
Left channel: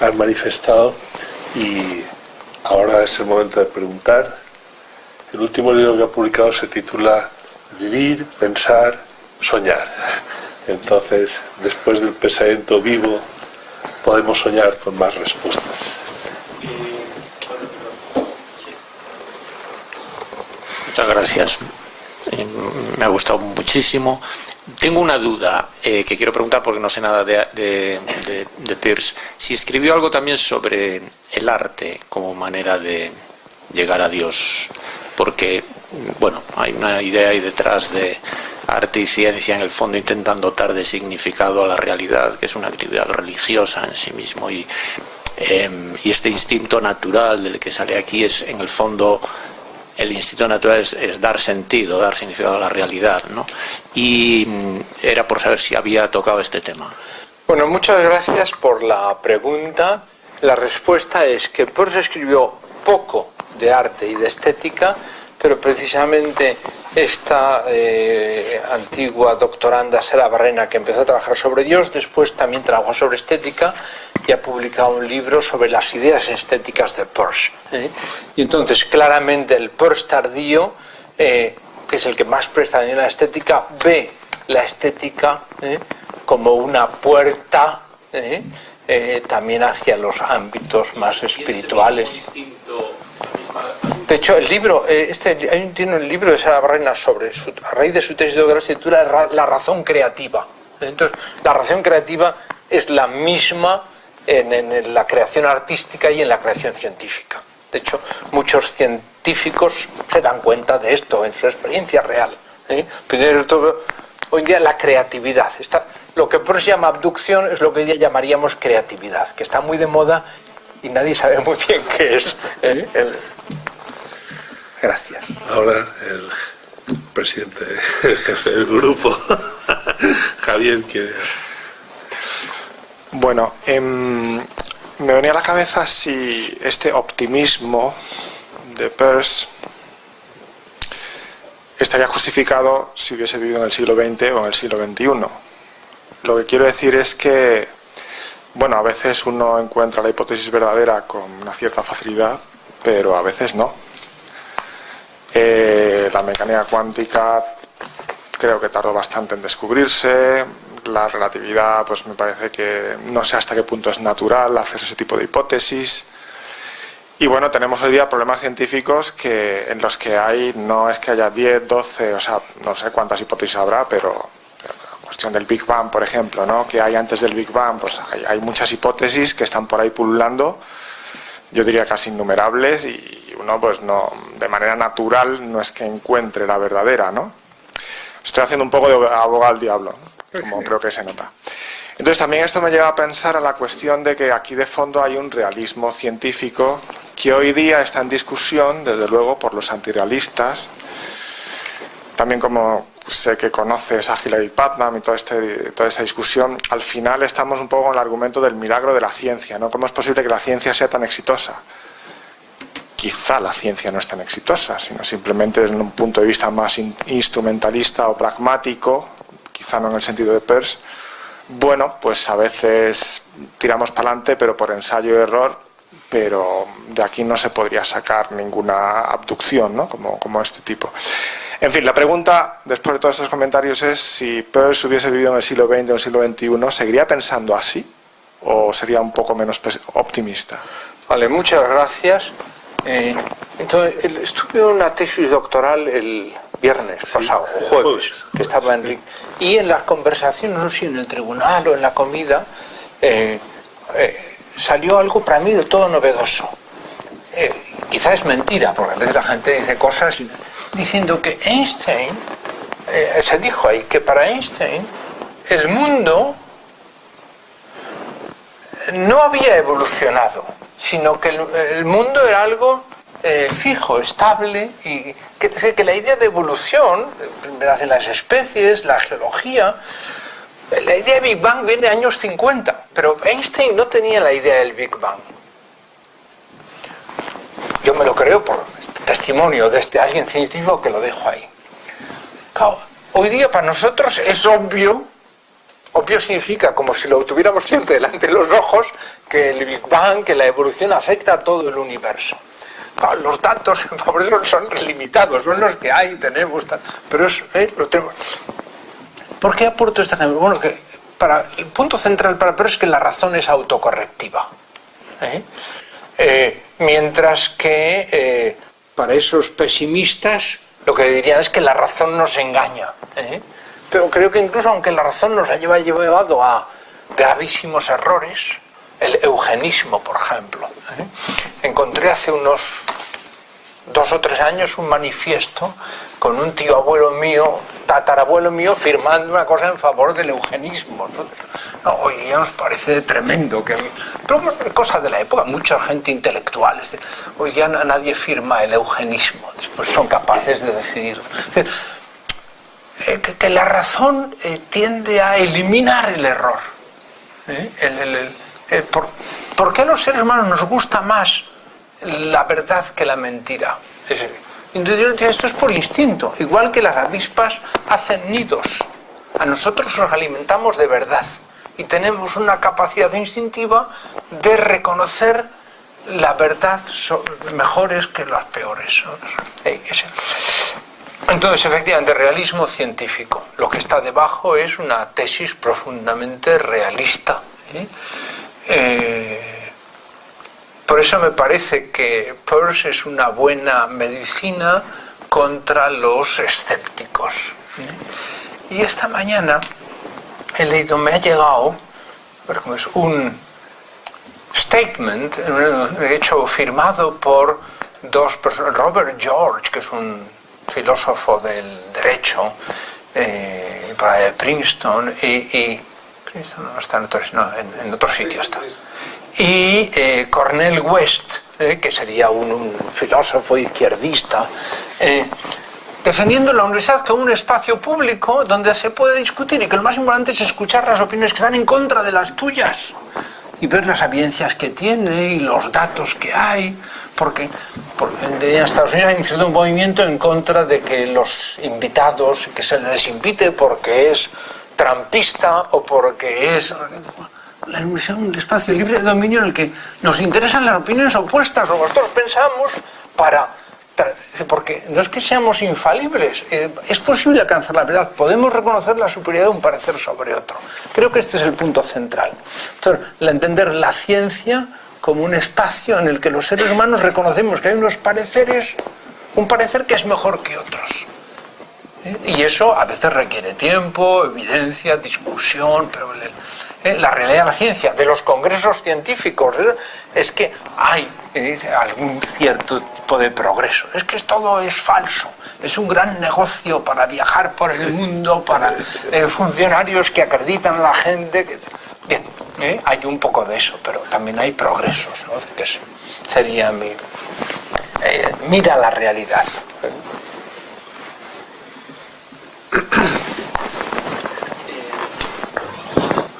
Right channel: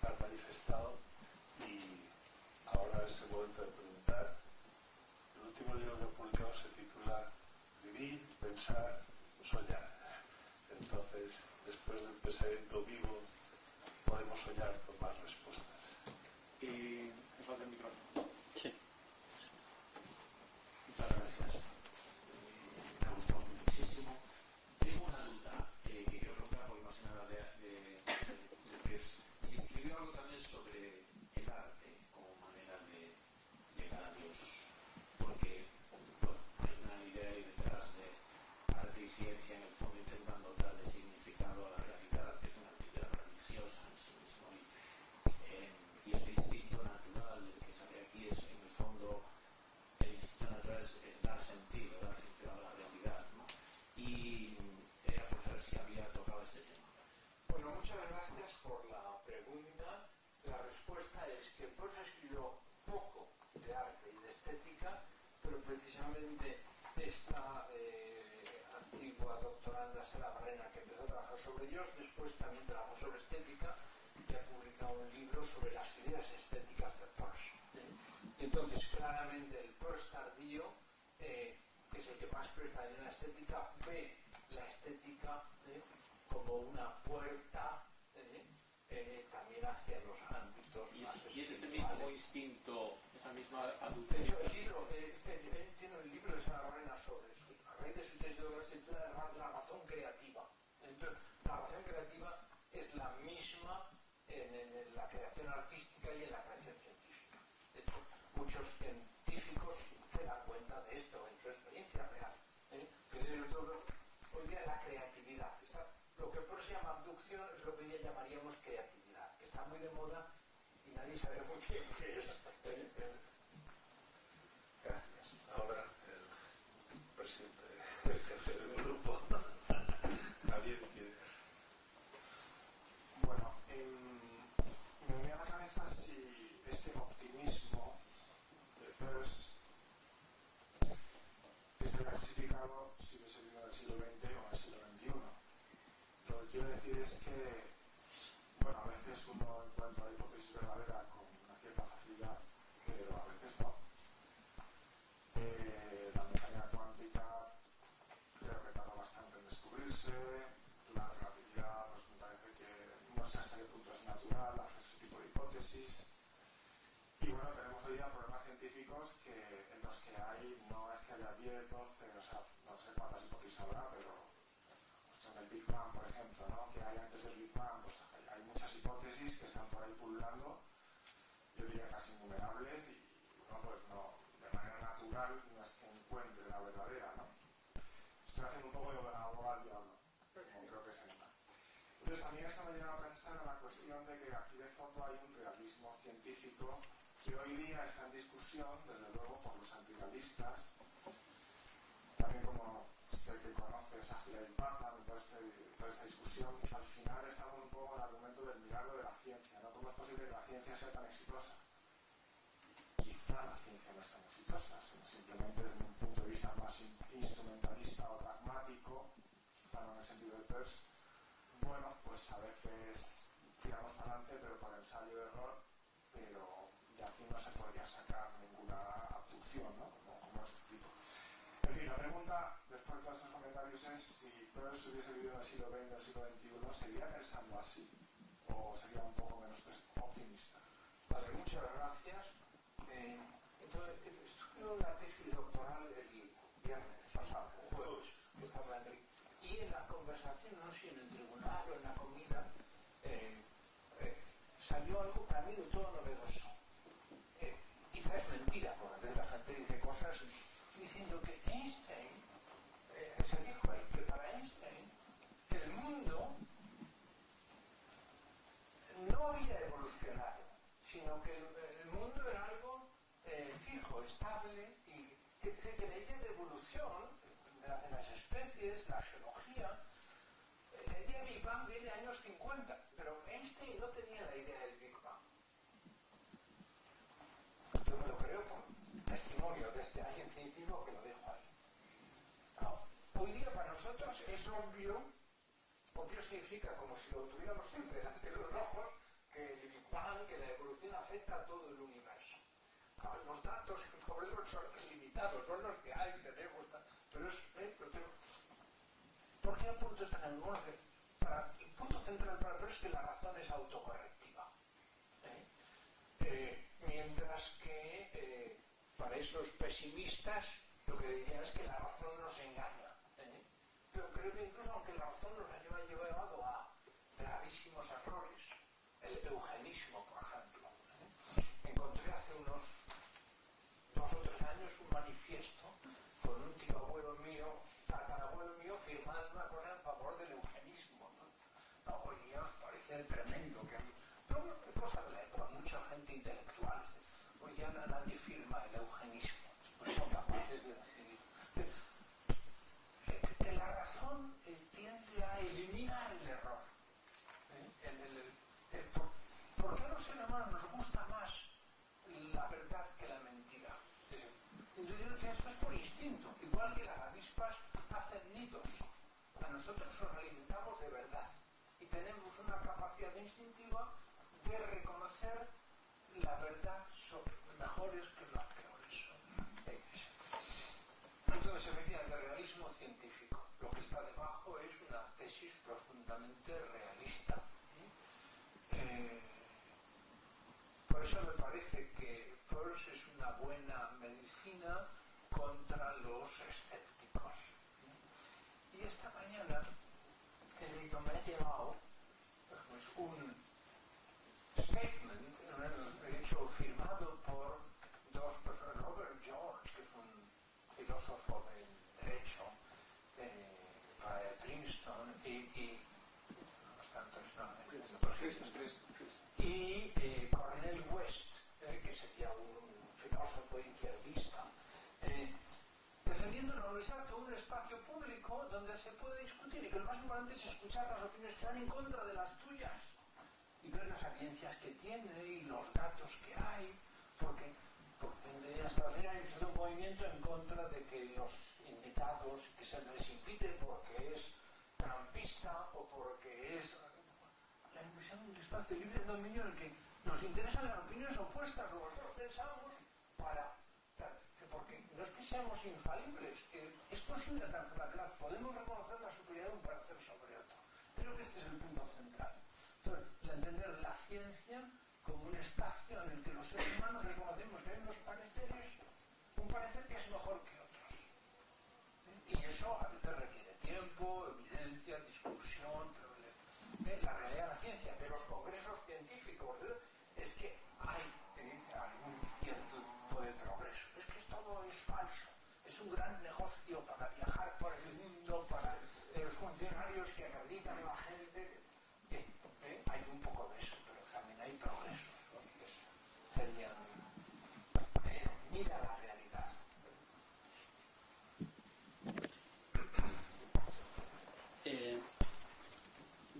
han manifestado, y ahora es el momento de preguntar. El último libro que ha publicado se titula Vivir, Pensar, Soñar. Entonces, después del pensamiento vivo, podemos soñar con más respuestas. Muchas gracias. Me ha gustado muchísimo. Tengo una duda que quiero preguntar porque no sé nada de Peirce. Si escribió algo también sobre el arte como manera de llegar a Dios, porque, bueno, hay una idea ahí detrás de arte y ciencia en el fondo intentan dotar de significado a la realidad, que es una actividad religiosa en sí mismo, y este instinto natural del que sale aquí es, en el fondo, el instinto natural es dar sentido, dar significado a la realidad, ¿no? Y era por saber si había tocado este tema. Bueno, muchas gracias por la pregunta. La respuesta es que Peirce escribió poco de arte y de estética, pero precisamente esta antigua doctoranda Sara Barrena, que empezó a trabajar sobre Dios, después también trabajó sobre estética y ha publicado un libro sobre las ideas estéticas de Peirce. Y entonces, claramente, el Peirce tardío, que es el que más presta atención a la estética, ve la estética como una puerta también hacia los ámbitos más espirituales. De hecho, el libro, tiene un libro de Sara Barrena sobre, a raíz de su tesis de doctorado, se titula La razón creativa. Entonces, la razón creativa es la misma en la creación artística y en la creación científica. De hecho, muchos científicos se dan cuenta de esto en su experiencia real. Primero de todo, hoy en día la creatividad. Lo que Peirce llama abducción es lo que hoy día llamaríamos creatividad, que está muy de moda y nadie sabe muy bien qué es. Gracias. Ahora el presidente, el jefe del grupo, Javier, quiere... Bueno, me venía a la cabeza si este optimismo de Peirce estaría justificado si hubiese vivido en el siglo XX o en el siglo XXI. Lo que quiero decir es que, bueno, a veces uno encuentra la hipótesis verdadera con una cierta facilidad, pero a veces no. La mecánica cuántica creo que tardó bastante en descubrirse. La relatividad, pues me parece que no sé hasta qué punto es natural hacer ese tipo de hipótesis. Y bueno, tenemos hoy día problemas científicos en los que no es que haya 10, 12, o sea, no sé cuántas hipótesis habrá, pero la cuestión del Big Bang, por ejemplo, ¿no? Que hay antes del Big Bang, pues hay muchas hipótesis que están por ahí pululando, yo diría casi innumerables, y uno pues no, de manera natural no es que encuentre la verdadera, ¿no? Estoy haciendo un poco de abogado al diablo, como creo que se nota. Entonces también esto me lleva a pensar a la cuestión de que aquí de fondo hay un realismo científico que hoy día está en discusión, desde luego, por los antirrealistas. También, como sé que conoces a Hilary Putnam y toda esta discusión, al final estamos un poco con el argumento del milagro de la ciencia, ¿no? ¿Cómo es posible que la ciencia sea tan exitosa? Quizá la ciencia no es tan exitosa, sino simplemente desde un punto de vista más instrumentalista o pragmático, quizá no en el sentido de Peirce, bueno, pues a veces tiramos para adelante, pero por ensayo y error, pero de aquí no se podría sacar ninguna abducción, ¿no? Como este tipo. En fin, la pregunta, después de todos estos comentarios, es si Peirce hubiese vivido en el siglo XX o en el siglo XXI, ¿seguiría pensando así o sería un poco menos optimista? Vale, muchas gracias. Entonces, estuve en una tesis doctoral el viernes pasado, jueves, que estaba Enrique, y en las conversaciones, no sé si en el tribunal o en la comida, salió algo para mí de todo novedoso. Quizá es mentira, porque a veces la gente dice cosas diciendo que Einstein, se dijo ahí que para Einstein el mundo no había evolucionado, sino que el mundo era algo fijo, estable, y que la idea de evolución, de las especies, la geología, la idea de Big Bang viene de años 50, pero Einstein no tenía la idea del Big Bang. Yo me lo creo por testimonio de alguien científico que lo dejo ahí. Claro, hoy día para nosotros es obvio. Obvio significa, como si lo tuviéramos siempre delante de los ojos, que el Big Bang, que la evolución afecta a todo el universo. Claro, los datos, por eso son limitados, son los que hay, tenemos, pero lo tenemos. ¿Por qué aporto esta ejemplo? Bueno, que el punto central para Peirce es que la razón es autocorrectiva. Mientras que para esos pesimistas lo que dirían es que la razón nos engaña. Pero creo que incluso aunque la razón nos ha llevado a gravísimos errores, el eugenismo, por ejemplo. Encontré hace unos 2 o 3 años un manifiesto con un tío abuelo mío, tatarabuelo mío, firmando una cosa en favor del eugenismo. Hoy día nos parece tremendo, pero cosa de la época, mucha gente intelectual. Hoy día nadie firma el eugenismo, después son capaces de decidir. Es decir, que la razón tiende a eliminar el error. ¿Por qué a los seres humanos nos gusta más la verdad que la mentira? Entonces, esto es por instinto. Igual que las avispas hacen nidos, a nosotros nos alimentamos de verdad y tenemos una capacidad instintiva de reconocer la verdad mejores que las peores. Entonces, efectivamente, realismo científico. Lo que está debajo es una tesis profundamente realista. Por eso me parece que Peirce es una buena medicina contra los escépticos. Y esta mañana he leído, me ha llegado un statement, hecho firmado por 2 personas, Robert George, que es un filósofo del derecho, de Princeton, y Princeton no está en otro sitio está. Y Cornel West, que sería un filósofo izquierdista, defendiendo la universidad como un espacio público donde se puede discutir y que lo más importante es escuchar las opiniones que están en contra de las tuyas y ver las evidencias que tiene y los datos que hay, porque en Estados Unidos ha iniciado un movimiento en contra de que los invitados, que se les invite porque es trampista o porque es... La universidad es un espacio libre de dominio en el que nos interesan las opiniones opuestas o nosotros pensamos porque no es que seamos infalibles, es posible alcanzar la verdad, podemos reconocer la superioridad de un parecer sobre otro. Creo que este es el punto central. Entonces, entender la ciencia como un espacio en el que los seres humanos reconocemos que hay unos pareceres, un parecer que es mejor que otros. Y eso a veces requiere tiempo, evidencia, discusión, pero la realidad de la ciencia, de los congresos científicos, es que hay algún cierto tipo de progreso. Es que todo es falso. Es un gran negocio para viajar por el mundo, para funcionarios que acreditan a la gente. Bien, hay un poco de eso, pero también hay progresos, ¿no? Que sería mira la realidad.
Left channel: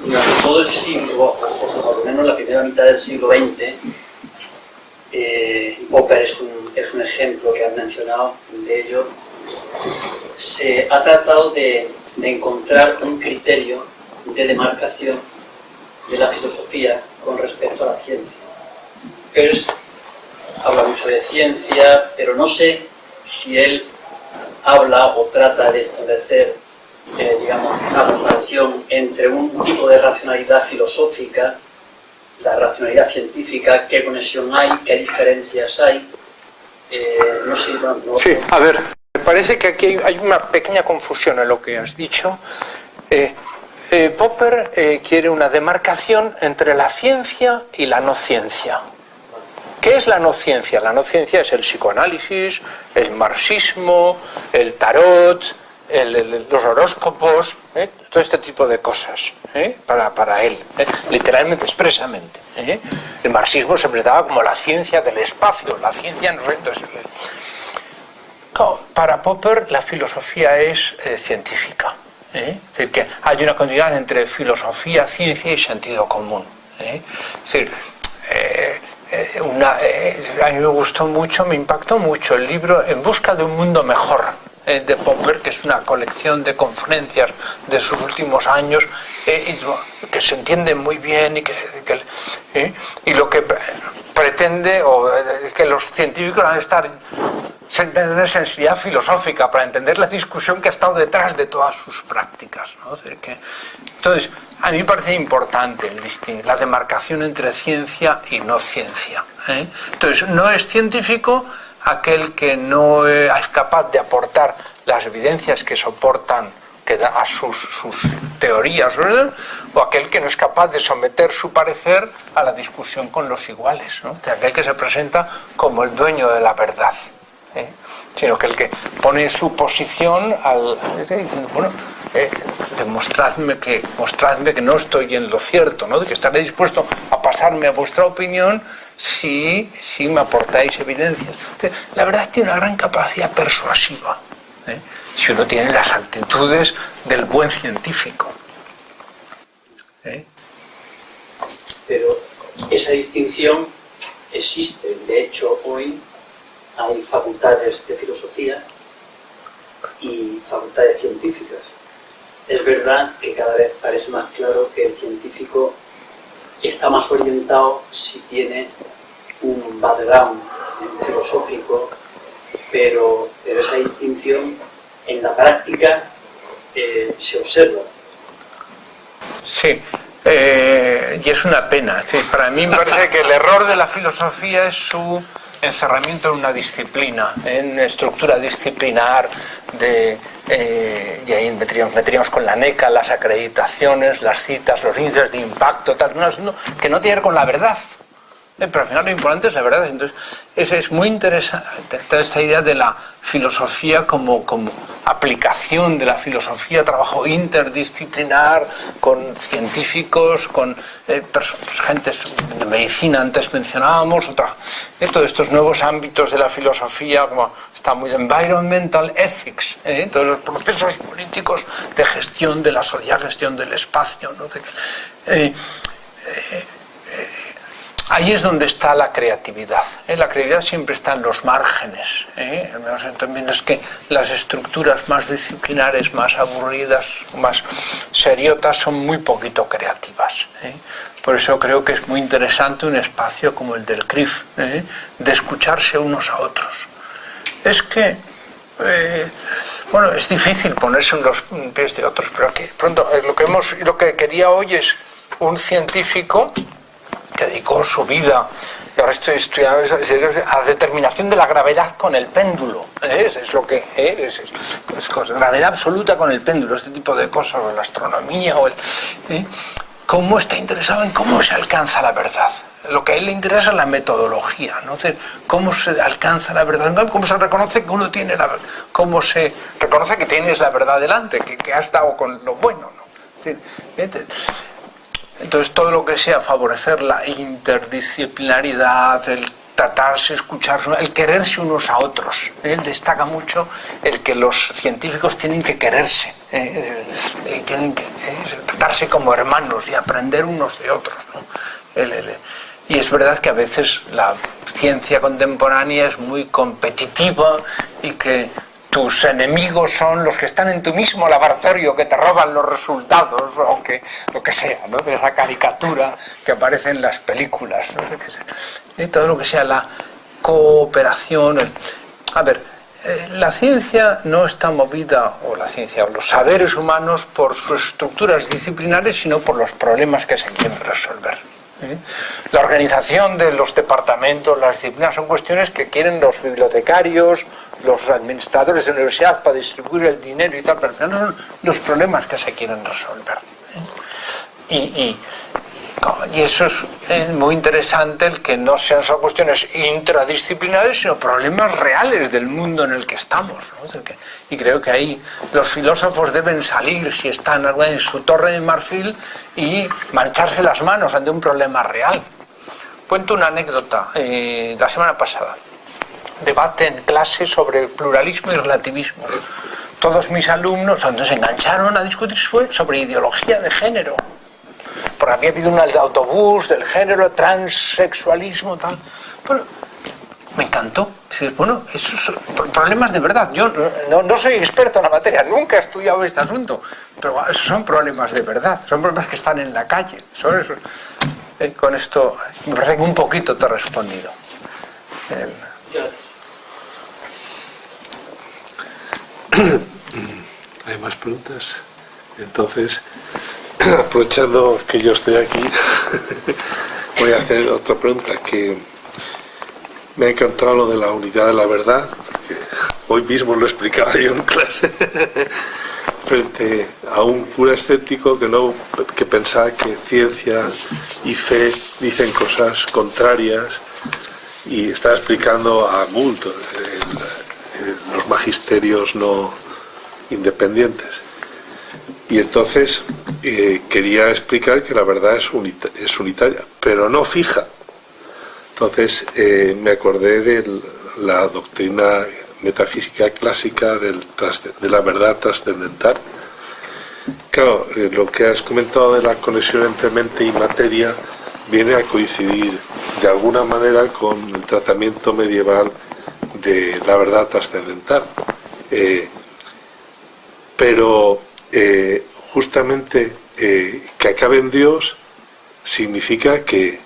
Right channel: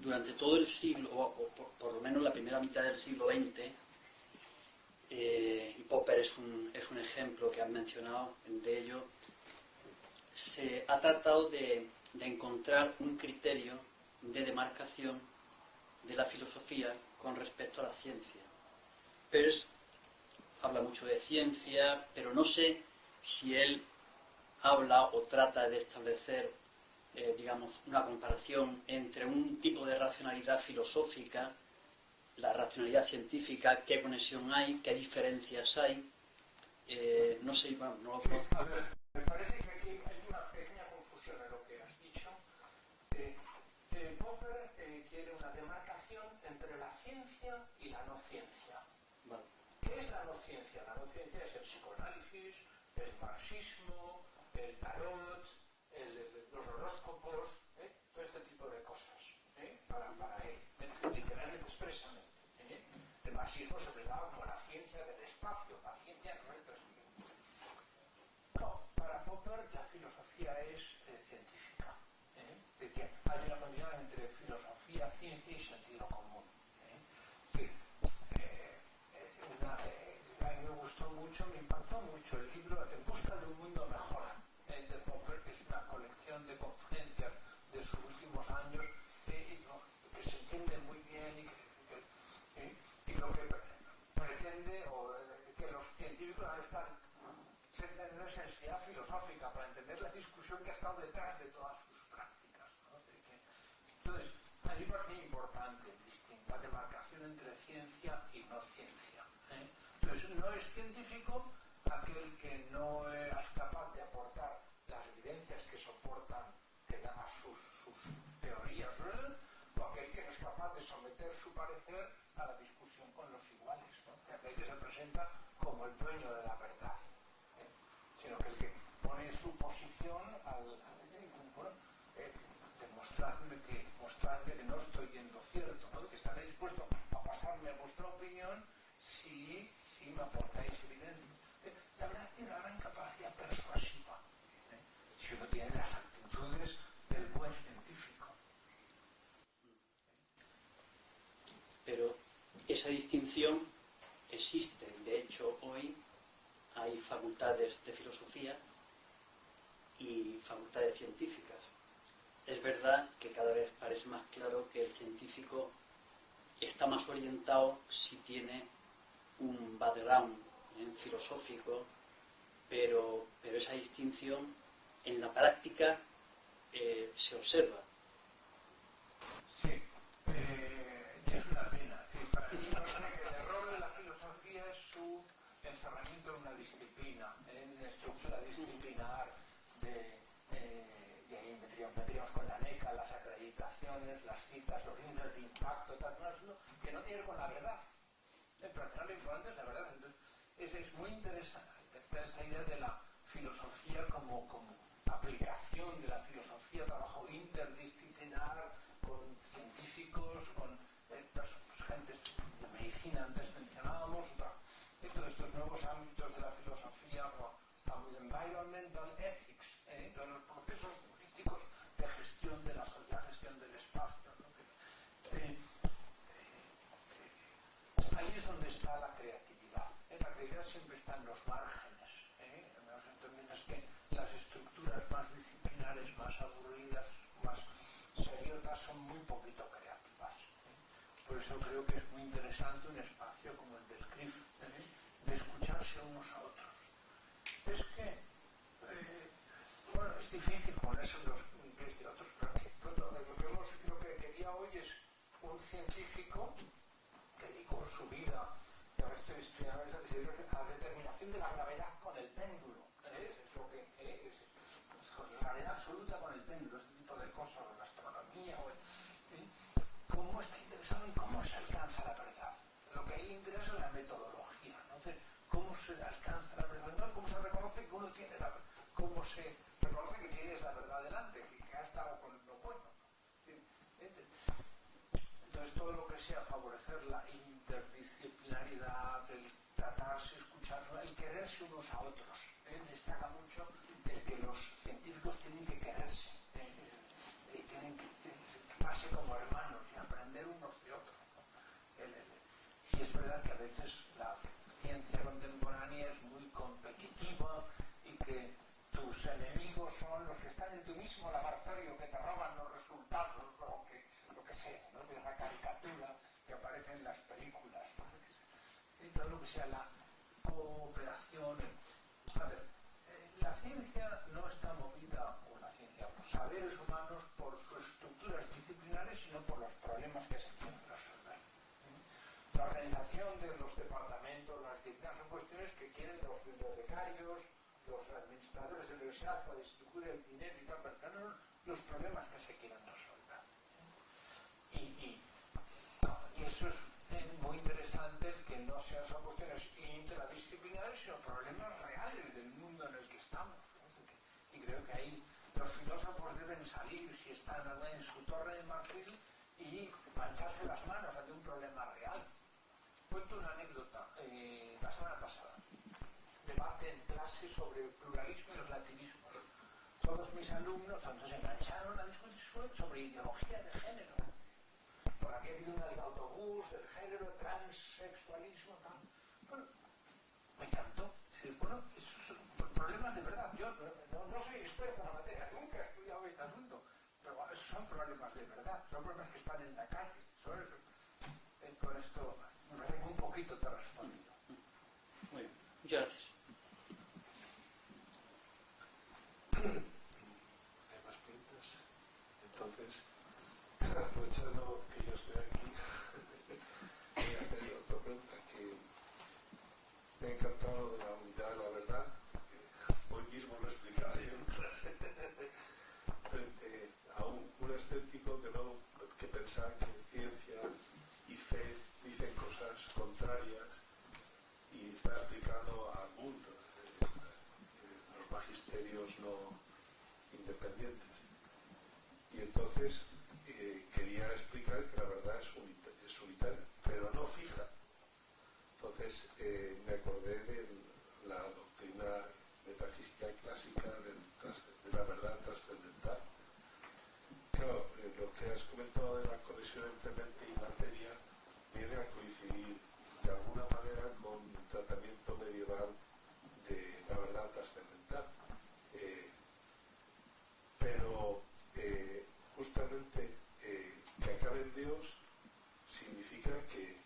Durante todo el siglo, o por lo menos la primera mitad del siglo XX, Popper es un ejemplo que han mencionado de ello, se ha tratado de encontrar un criterio de demarcación de la filosofía con respecto a la ciencia. Peirce habla mucho de ciencia, pero no sé si él habla o trata de establecer, digamos, una comparación entre un tipo de racionalidad filosófica, la racionalidad científica, qué conexión hay, qué diferencias hay. No sé, no. Sí, a ver, me parece que aquí hay una pequeña confusión en lo que has dicho. Popper quiere una demarcación entre la ciencia y la no ciencia. ¿Qué es la no ciencia? La no ciencia es el psicoanálisis, el marxismo, el tarot, los horóscopos, todo este tipo de cosas, para él, literalmente, expresamente. El marxismo se presentaba como la ciencia del espacio, la ciencia no sé. Entonces, para Popper la filosofía es científica. Es decir, que hay una continuidad entre filosofía, ciencia y sentido común. Es decir, a mí me gustó mucho, me impactó mucho el libro En busca de un mundo mejor de Popper, que es una colección de conferencias de sus últimos años, que se entienden muy bien y lo que pretende es que los científicos van a tener sensibilidad filosófica para entender la discusión que ha estado detrás de todas sus prácticas, ¿no? Entonces, a mí me parece importante la demarcación entre ciencia y no ciencia. Entonces, no es científico aquel que no es capaz de aportar las evidencias que soportan que da a sus teorías, ¿verdad? O aquel que no es capaz de someter su parecer a la discusión con los iguales, ¿no? De aquel que se presenta como el dueño de la verdad, sino que el que pone su posición diciendo, bueno, mostradme que no estoy en lo cierto, ¿no? De que estaré dispuesto a pasarme a vuestra opinión si me aportáis evidencias. La verdad tiene una gran capacidad persuasiva, si uno tiene las actitudes del buen científico. Pero esa distinción existe. De hecho, hoy hay facultades de filosofía y facultades científicas. Es verdad que cada vez parece más claro que el científico está más orientado si tiene un background filosófico, pero esa distinción en la práctica se observa. Sí, y es una pena. Sí, para mí me parece que el error de la filosofía es su encerramiento en una disciplina, en una estructura disciplinar y ahí meteríamos con la NECA, las acreditaciones, las citas, los índices de impacto, tal, que no tiene que ver con la verdad. Pero al final lo importante es la verdad. Entonces, es muy interesante toda esta idea de la filosofía como aplicación de la filosofía, trabajo interdisciplinar con científicos, con gentes de medicina, antes mencionábamos, todos estos nuevos ámbitos de la filosofía, como está muy environmental ethics, todos los procesos políticos de gestión de la sociedad, gestión del espacio, ¿no? Ahí es donde está la creatividad. La creatividad siempre está en los márgenes. También es que las estructuras más disciplinares, más aburridas, más seriotas, son muy poquito creativas. Por eso creo que es muy interesante un espacio como el del CRIF, de escucharse unos a otros. Es que, es difícil ponerse en los pies de otros, pero que pronto lo que quería hoy es un científico que dedicó su vida, y ahora estoy estudiando a la determinación de la gravedad con el péndulo. Es lo que es gravedad absoluta con el péndulo, este tipo de cosas, o la astronomía, cómo está interesado en cómo se alcanza la verdad. Lo que a él le interesa es la metodología, ¿no? Cómo se alcanza la verdad, cómo se reconoce que uno tiene la verdad, cómo se reconoce que tienes la verdad delante, que has dado con lo bueno, ¿no? Entonces, todo lo que sea favorecer la interdisciplinaridad, el tratarse, escucharse, el quererse unos a otros. Él destaca mucho el que los científicos tienen que quererse, tienen que tratarse como hermanos y aprender unos de otros, ¿no? Y es verdad que a veces la ciencia contemporánea es muy competitiva y que tus enemigos son los que están en tu mismo laboratorio, que te roban los resultados, o que lo que sea, ¿no? De esa caricatura que aparece en las películas, no sé qué sea. Y todo lo que sea la cooperación. A ver, la ciencia no está movida, o la ciencia, o los saberes humanos, por sus estructuras disciplinares, sino por los problemas que se quieren resolver. La organización de los departamentos, las disciplinas, son cuestiones que quieren los bibliotecarios, los administradores de universidad para distribuir el dinero y tal, pero al final son los problemas que se quieren resolver. Y eso es muy interesante, el que no sean solo cuestiones intradisciplinares, sino problemas reales del mundo en el que estamos, ¿no? Y creo que ahí los filósofos deben salir, si están en su torre de marfil, y mancharse las manos ante un problema real. Cuento una anécdota. La semana pasada, debate en clase sobre pluralismo y relativismo. Todos mis alumnos, cuando se engancharon a discutir, fue sobre ideología de género. Porque había habido un autobús del género, transexualismo, tal. Bueno, me encantó. Dices, bueno, esos son problemas de verdad. Yo no soy experto en la materia, nunca he estudiado este asunto, pero esos son problemas de verdad, son problemas que están en la calle. Son esos. Con esto, me parece que un poquito te he respondido. ¿Hay más preguntas? Entonces, aprovechando que yo estoy aquí, voy a hacer otra pregunta, que me ha encantado lo de la unidad de la verdad, que hoy mismo lo explicaba yo en clase, frente a un cura escéptico que pensaba que ciencia y fe dicen cosas contrarias, y estaba explicando a Gould los magisterios no independientes. Y entonces quería explicar que la verdad es unitaria, pero no fija. Entonces me acordé de la doctrina metafísica clásica de la verdad trascendental. Claro, lo que has comentado de la conexión entre mente y materia viene a coincidir de alguna manera con el tratamiento medieval de la verdad trascendental. Pero justamente que acabe en Dios significa que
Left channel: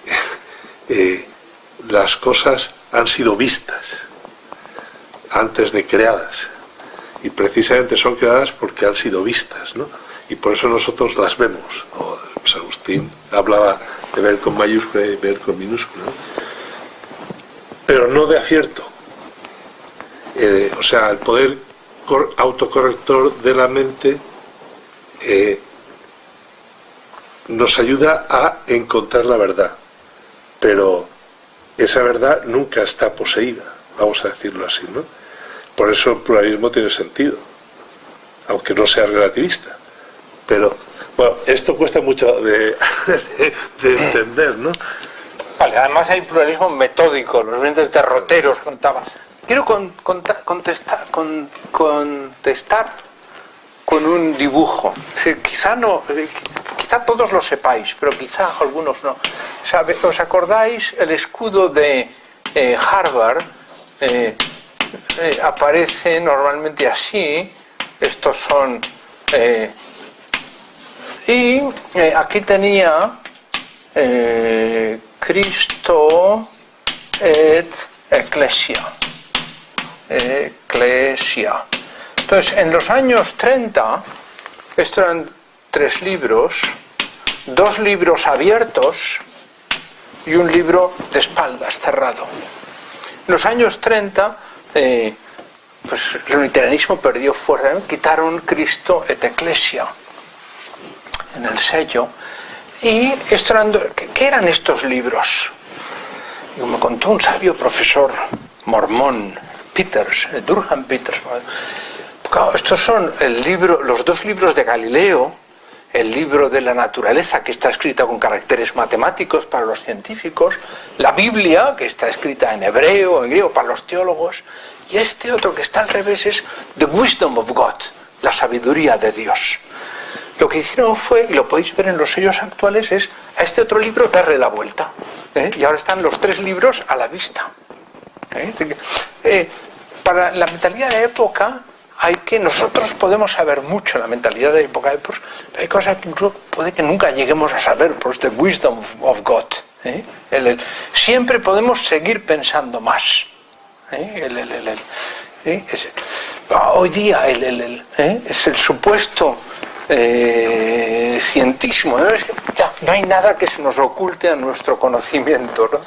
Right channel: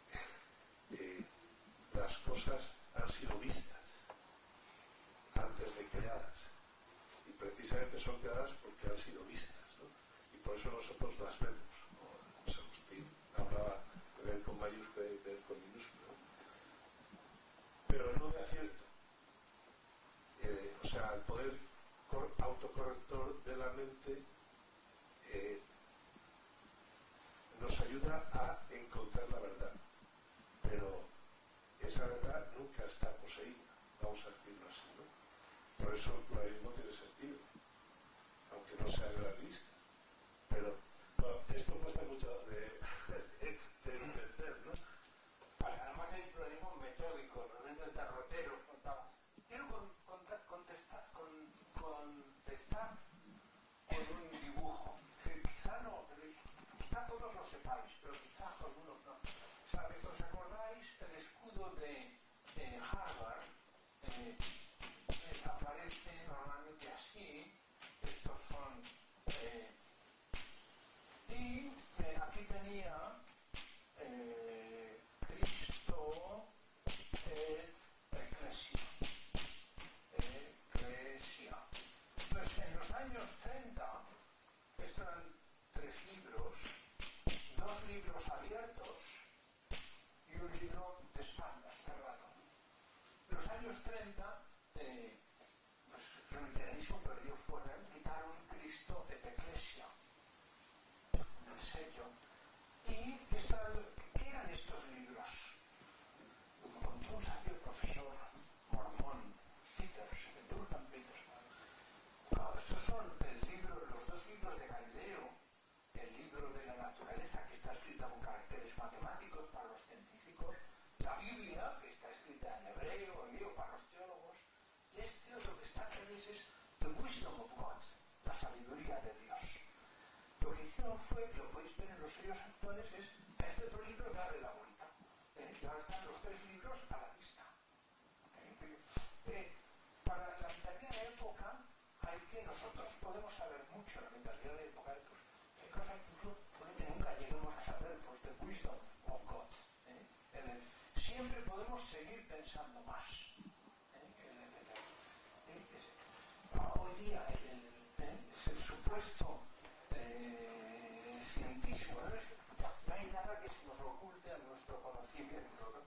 las cosas han sido vistas antes de creadas, y precisamente son creadas porque han sido vistas, ¿no? Y por eso nosotros las vemos, ¿no? San Agustín hablaba de ver con mayúscula y ver con minúscula, ¿no? Pero no de acierto. O sea, el poder autocorrector de la mente nos ayuda a encontrar la verdad, pero esa verdad nunca está poseída, vamos a decirlo así, ¿no? Por eso el pluralismo tiene sentido, aunque no sea relativista. Pero, bueno, esto cuesta mucho de entender, ¿no? Vale, además hay pluralismo metódico, los grandes derroteros contaba. Quiero contestar con un dibujo. Es decir, quizá todos lo sepáis, pero quizá algunos no. ¿Os acordáis? El escudo de Harvard aparece normalmente así. Estos son... aquí tenía Cristo et Ecclesia. Entonces, en los años 30, estos eran 3 libros, 2 libros abiertos y un libro de espaldas, cerrado. En los años 30, pues el unitarianismo perdió fuerza, ¿no? Quitaron Cristo et Ecclesia en el sello. Y ¿qué eran estos libros? Y me contó un sabio profesor mormón, Peters, Durham Peters. Claro, estos son los 2 libros de Galileo, el libro de la naturaleza, que está escrita con caracteres matemáticos para los científicos, la Biblia, que está escrita en hebreo, en griego, para los teólogos, y este otro que está al revés es The Wisdom of God, la sabiduría de Dios. Lo que hicieron fue, y lo podéis ver en los sellos actuales, es a este otro libro darle la vuelta. Y ahora están los 3 libros a la vista. Para la mentalidad de la época, nosotros podemos saber mucho en la mentalidad de la época de Peirce, pero hay cosas que incluso puede que nunca lleguemos a saber, por the wisdom of God. Siempre podemos seguir pensando más. Hoy día es el supuesto cientísimo, ¿no? Es que ya, no hay nada que se nos oculte a nuestro conocimiento, ¿no?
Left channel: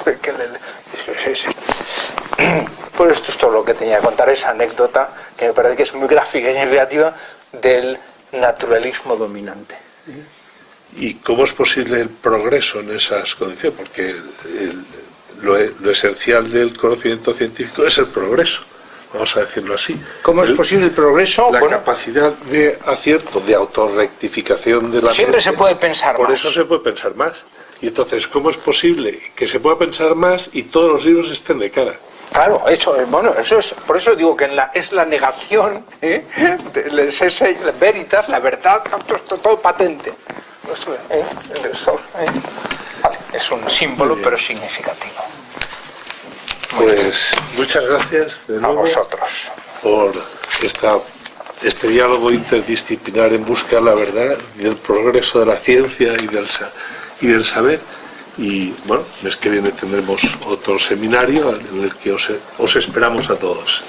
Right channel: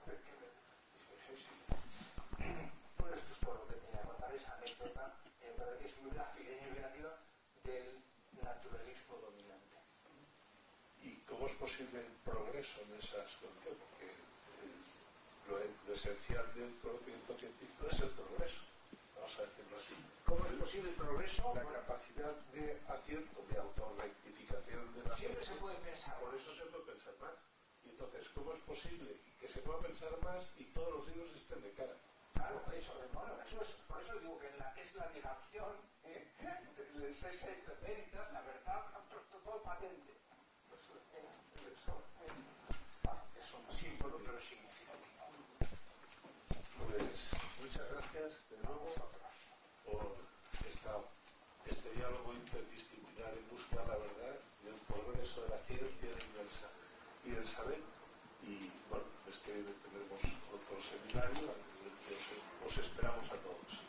Pues esto es todo lo que tenía que contar, esa anécdota que me parece que es muy gráfica y creativa del naturalismo dominante. ¿Y cómo es posible el progreso en esas condiciones? Porque lo esencial del conocimiento científico es el progreso, vamos a decirlo así. ¿Cómo es posible el progreso? La capacidad de acierto, de autorrectificación de la siempre mente, se puede pensar por más. eso se puede pensar más. Y entonces, ¿cómo es posible que se pueda pensar más y todos los libros estén de cara? Claro, eso es, por eso digo que es la negación, la veritas, la verdad, todo patente. Vale, es un símbolo, pero significativo. Pues muchas gracias de nuevo A vosotros. por este diálogo interdisciplinar en busca de la verdad y del progreso de la ciencia y del saber. Y bueno, el mes que viene tendremos otro seminario en el que os esperamos a todos.